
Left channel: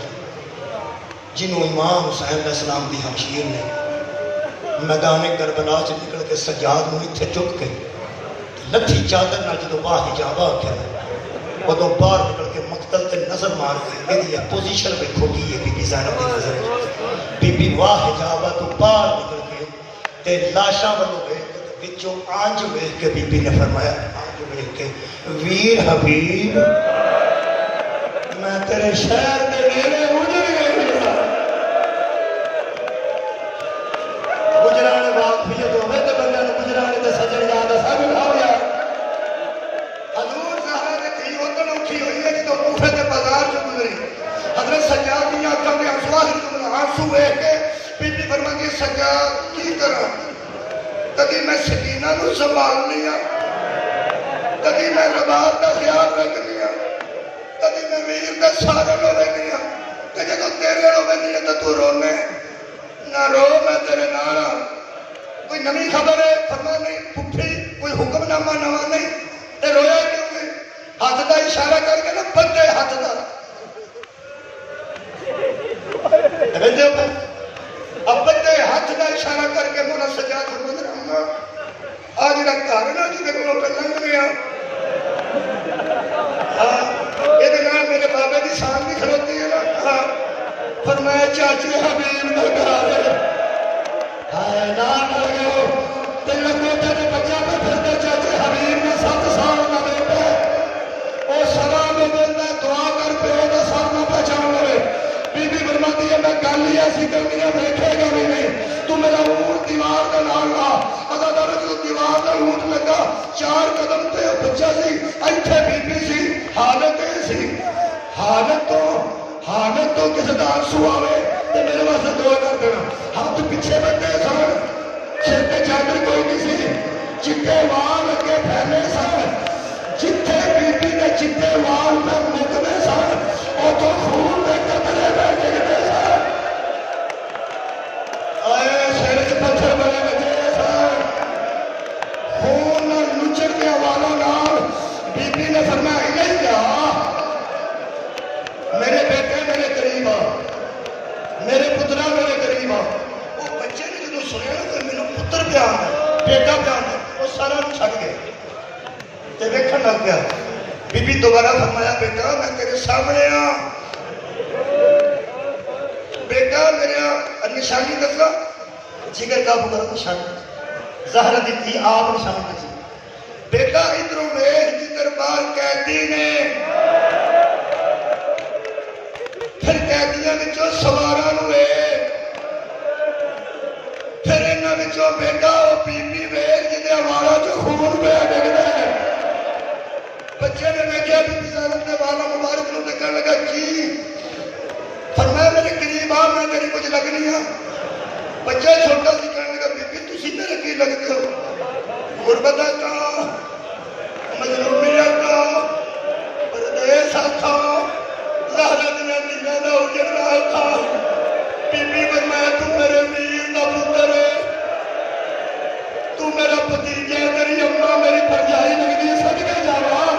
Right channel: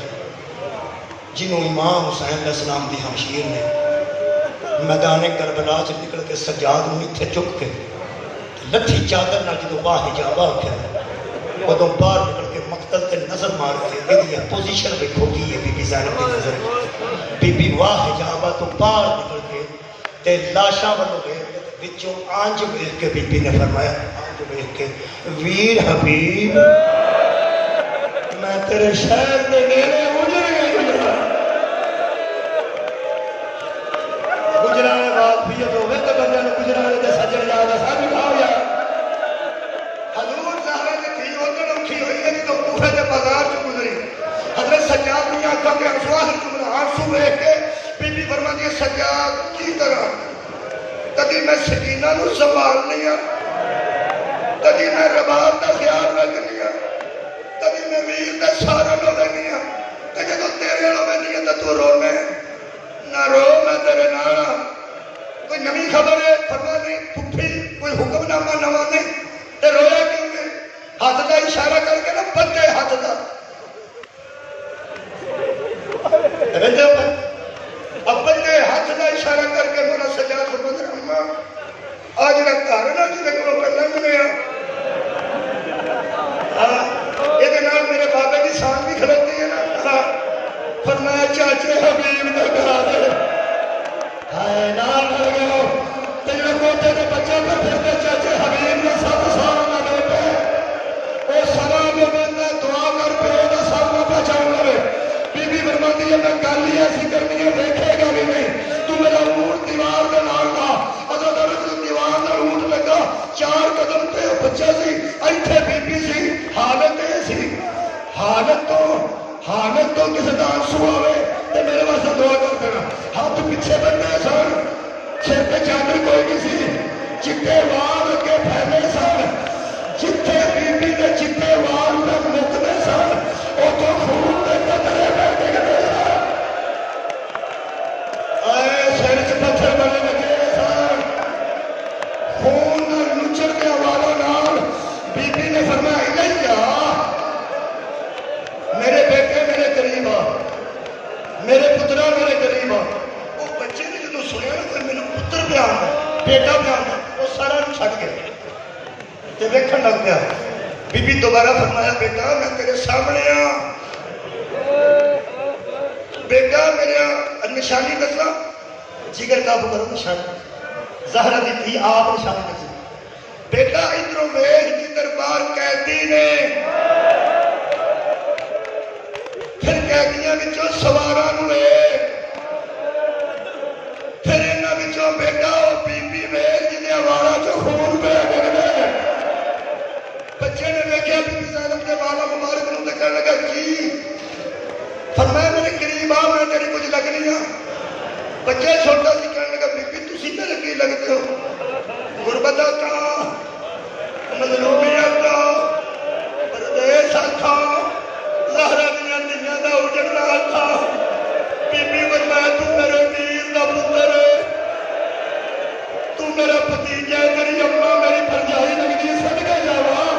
جنہوں امام حسین علیہ السلام دی ہمشیر نے میدان کربلا سے نکل کے سجاد نوں اتھے چک کے لٹھی چادر نال جدوں واہ حجابہ کیا ادو باہر نکل کے مقتل تے نظر مار کے یہ پوزیشن پہ کھوٹی ہے بی بی زینب کی نظر، بی بی واہ حجابہ تو باہر نکل کے تے لاشاں والوں وچوں آنج ویکھ کے بی بی نے فرمایا، آنج ویکھ کے ویر حبیب میں تیرے شہر دے نیڑے اجڑ گئی، گجرانے واقفیت ہوئے تو بندے نے گجرانے دے سجن یاد سب اٹھاؤ یا حضور زہرا نے تھی وطن اٹھی ہوئی ہے کہ تو کوفے دے بازار سے گزری، حضرت سجاد نے آنکھوں میں آنسو دیکھ کے بی بی فرماتی ہے سجاد کی طرح کدی میں سکینہ نو سنبھالنی ہاں، کدی میں رباب دا خیال رکھنی ہاں، کدی میں میر دا سہارا لینی ہاں، کہ جب تیرے ہوئے نہیں تو رونے نہ رو میں تیرے نال ہاں، کوئی نمی خبر ہے فرما نہیں پٹھی کوئی حکم نامہ نوا نہیں تے رویا کیوں نہیں، ہاتھ کا اشارہ کر کے نا بندے ہاتھ کا اب بندے ہاتھ کا اشارہ کر کے مولا سجاد فرماتے ہیں اماں آج کا گھر نہ جی کو پہلے ملیا، یہ نام میرے بابا کی شان بھی کھلوتی ہے نا، فرمایا چاچے حبیب نہ گھر ہائے نام ہو گئے ہو تیرے بیٹے کے بچہ کو پھر چاچے حبیب نے 7 سال نہ بیٹے وہ سوا میں دینا دعا کر پہ ہوگا سامنا پہچان لے، بی بی فرماتی ہے میں گل ہی ایسی کرنی ہے دیکھے گا بھی نہیں جدو کسی کا آنسو آئے تو میرے واسطے دعا کر دینا. ہاتھ پیچھے بننے سن, سر تے چادر کوئی نہیں سی, چٹے وال اگے پھیلے سن, جتھے بی بی دے چٹے وال پہ مکنے سن اتوں خون دے قطرے پہ ڈگتے سن. آئے سر چ پتھر بڑے لگے سن, خون نچڑ کے والا نال بی بی نے فرمایا نہیں جا میرے بیٹے میرے قریب آ, میرے پترا میرے قریب آ. وہ بچے نے جدو سنیا نا کوئی میرا پتر پہ آتا بیٹا پہ آتا, وہ سارا چھڈ گئے تے ویکھن لگ گیا. بی بی دوبارہ فرمایا بیٹا میں تیرے سامنے ہاں, بیٹا میرا نشانی دسا, جگر کا بکر نشانی زہرا دی تھی آپ نشانی دسی. بیٹا ادھروں ویکھ جی دربار قیدی نے, پھر قیدیاں وچوں سواراں نوں ویکھ, پھر انہاں وچوں بیٹا او بی بی ویکھ جدے والاں چوں خون پہ ڈگدا ہے. بچے نے ویکھیا بی بی زینب دے والا مبارک نوں تے کہن لگا جی, فرمایا میرے قریب آ میں تیری کچھ لگنی ہاں. بچے چھوٹا سی کہنے لگا بی بی تسی میرے کی لگتے ہو, غربت کا مظلومی کا پردیس تھا زہرا دیا دنیا کا اجڑا تھا. بی بی فرمایا تو میرے ویر کا پتر ہے, تو میرا بھتیجا ہے, تیری اماں میری بھرجائی لگتی ہے, صدقے جاواں.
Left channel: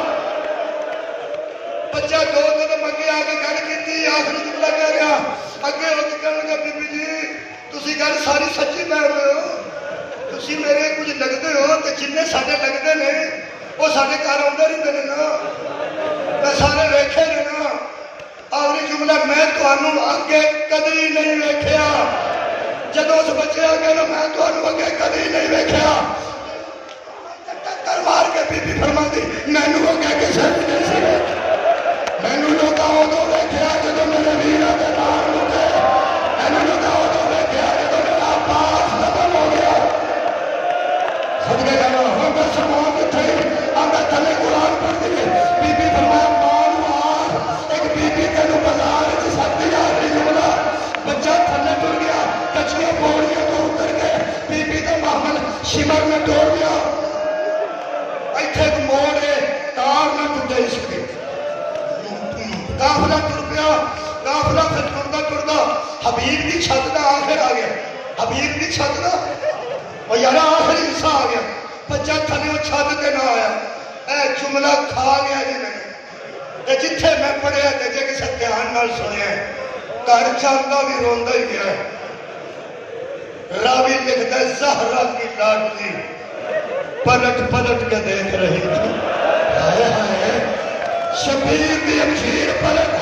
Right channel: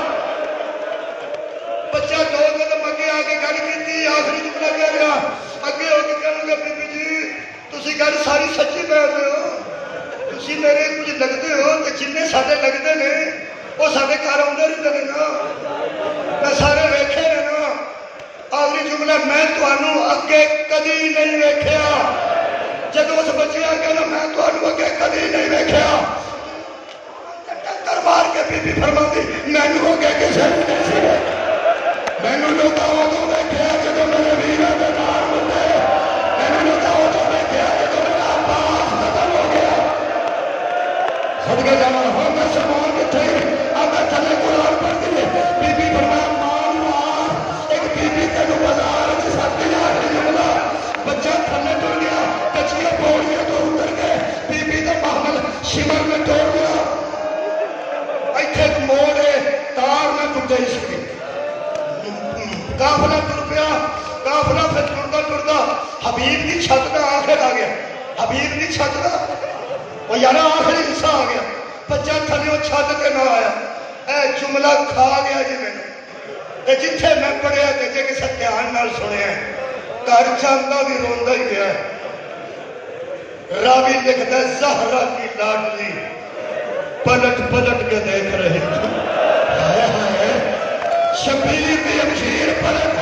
بچہ دو قدم اگے آ کے گل کی, آخری جملہ کہہ گیا اگے ہو کے کہنے لگا بی بی جی تسی گل ساری سچی کہہ رہے ہو, تسی میرے کچھ لگتے ہو تے جنے ساڈے لگتے نے وہ ساڈے گھر آؤندے رہندے نے نا, میں سارے ویکھے نے نا. آخری جملہ میں تمہیں اگے کدی نہیں ویکھیا. جب اس بچے آگے نا میں تمہیں اگے کدی نہیں ویکھیا, ٹکر مار کے بی بی فرما دی مینوں اگے کسے بھی نہیں سی ویکھیا. مینوں لوکاں ادوں ویکھیا جدوں میرے ویراں دے نال لگے, مینوں لوکاں ادوں ویکھیا جدوں میرا عباس ختم ہو گیا. صدقے جاواں ہو گیا سامان کتھے آگے تھلے قرآن پڑھ دیے. بی بی فرمایا ماں نوں آکھ ایک بی بی تینوں بازار وچ سد لیا کے جملہ. بچہ تھلے ٹر گیا, کچیاں پوڑیاں تو اتر گئے, بی بی دے محمل شمر نے توڑ لیا. ایتھے ایک موڑ ہے تار نہ ٹوٹے اس کی. قافلہ ٹر پیا, قافلہ پھر ٹردا ٹردا حبیب کی چھت دا آخر آ گیا. حبیب کی چھت دا وہ یار آخری حصہ آ گیا. بچہ تھلیوں چھت تے نہ آیا, اے جملہ کھا گیا جی میں تے جتھے میں پڑھیا تے جے کسے دھیان نال سنیا گھر چلدا بھی روندا ہی گیا. راوی لکھتا ہے زہرا کی لاڈلی پلٹ پلٹ کے دیکھ رہی تھی, شبیر کی امشیر پلٹ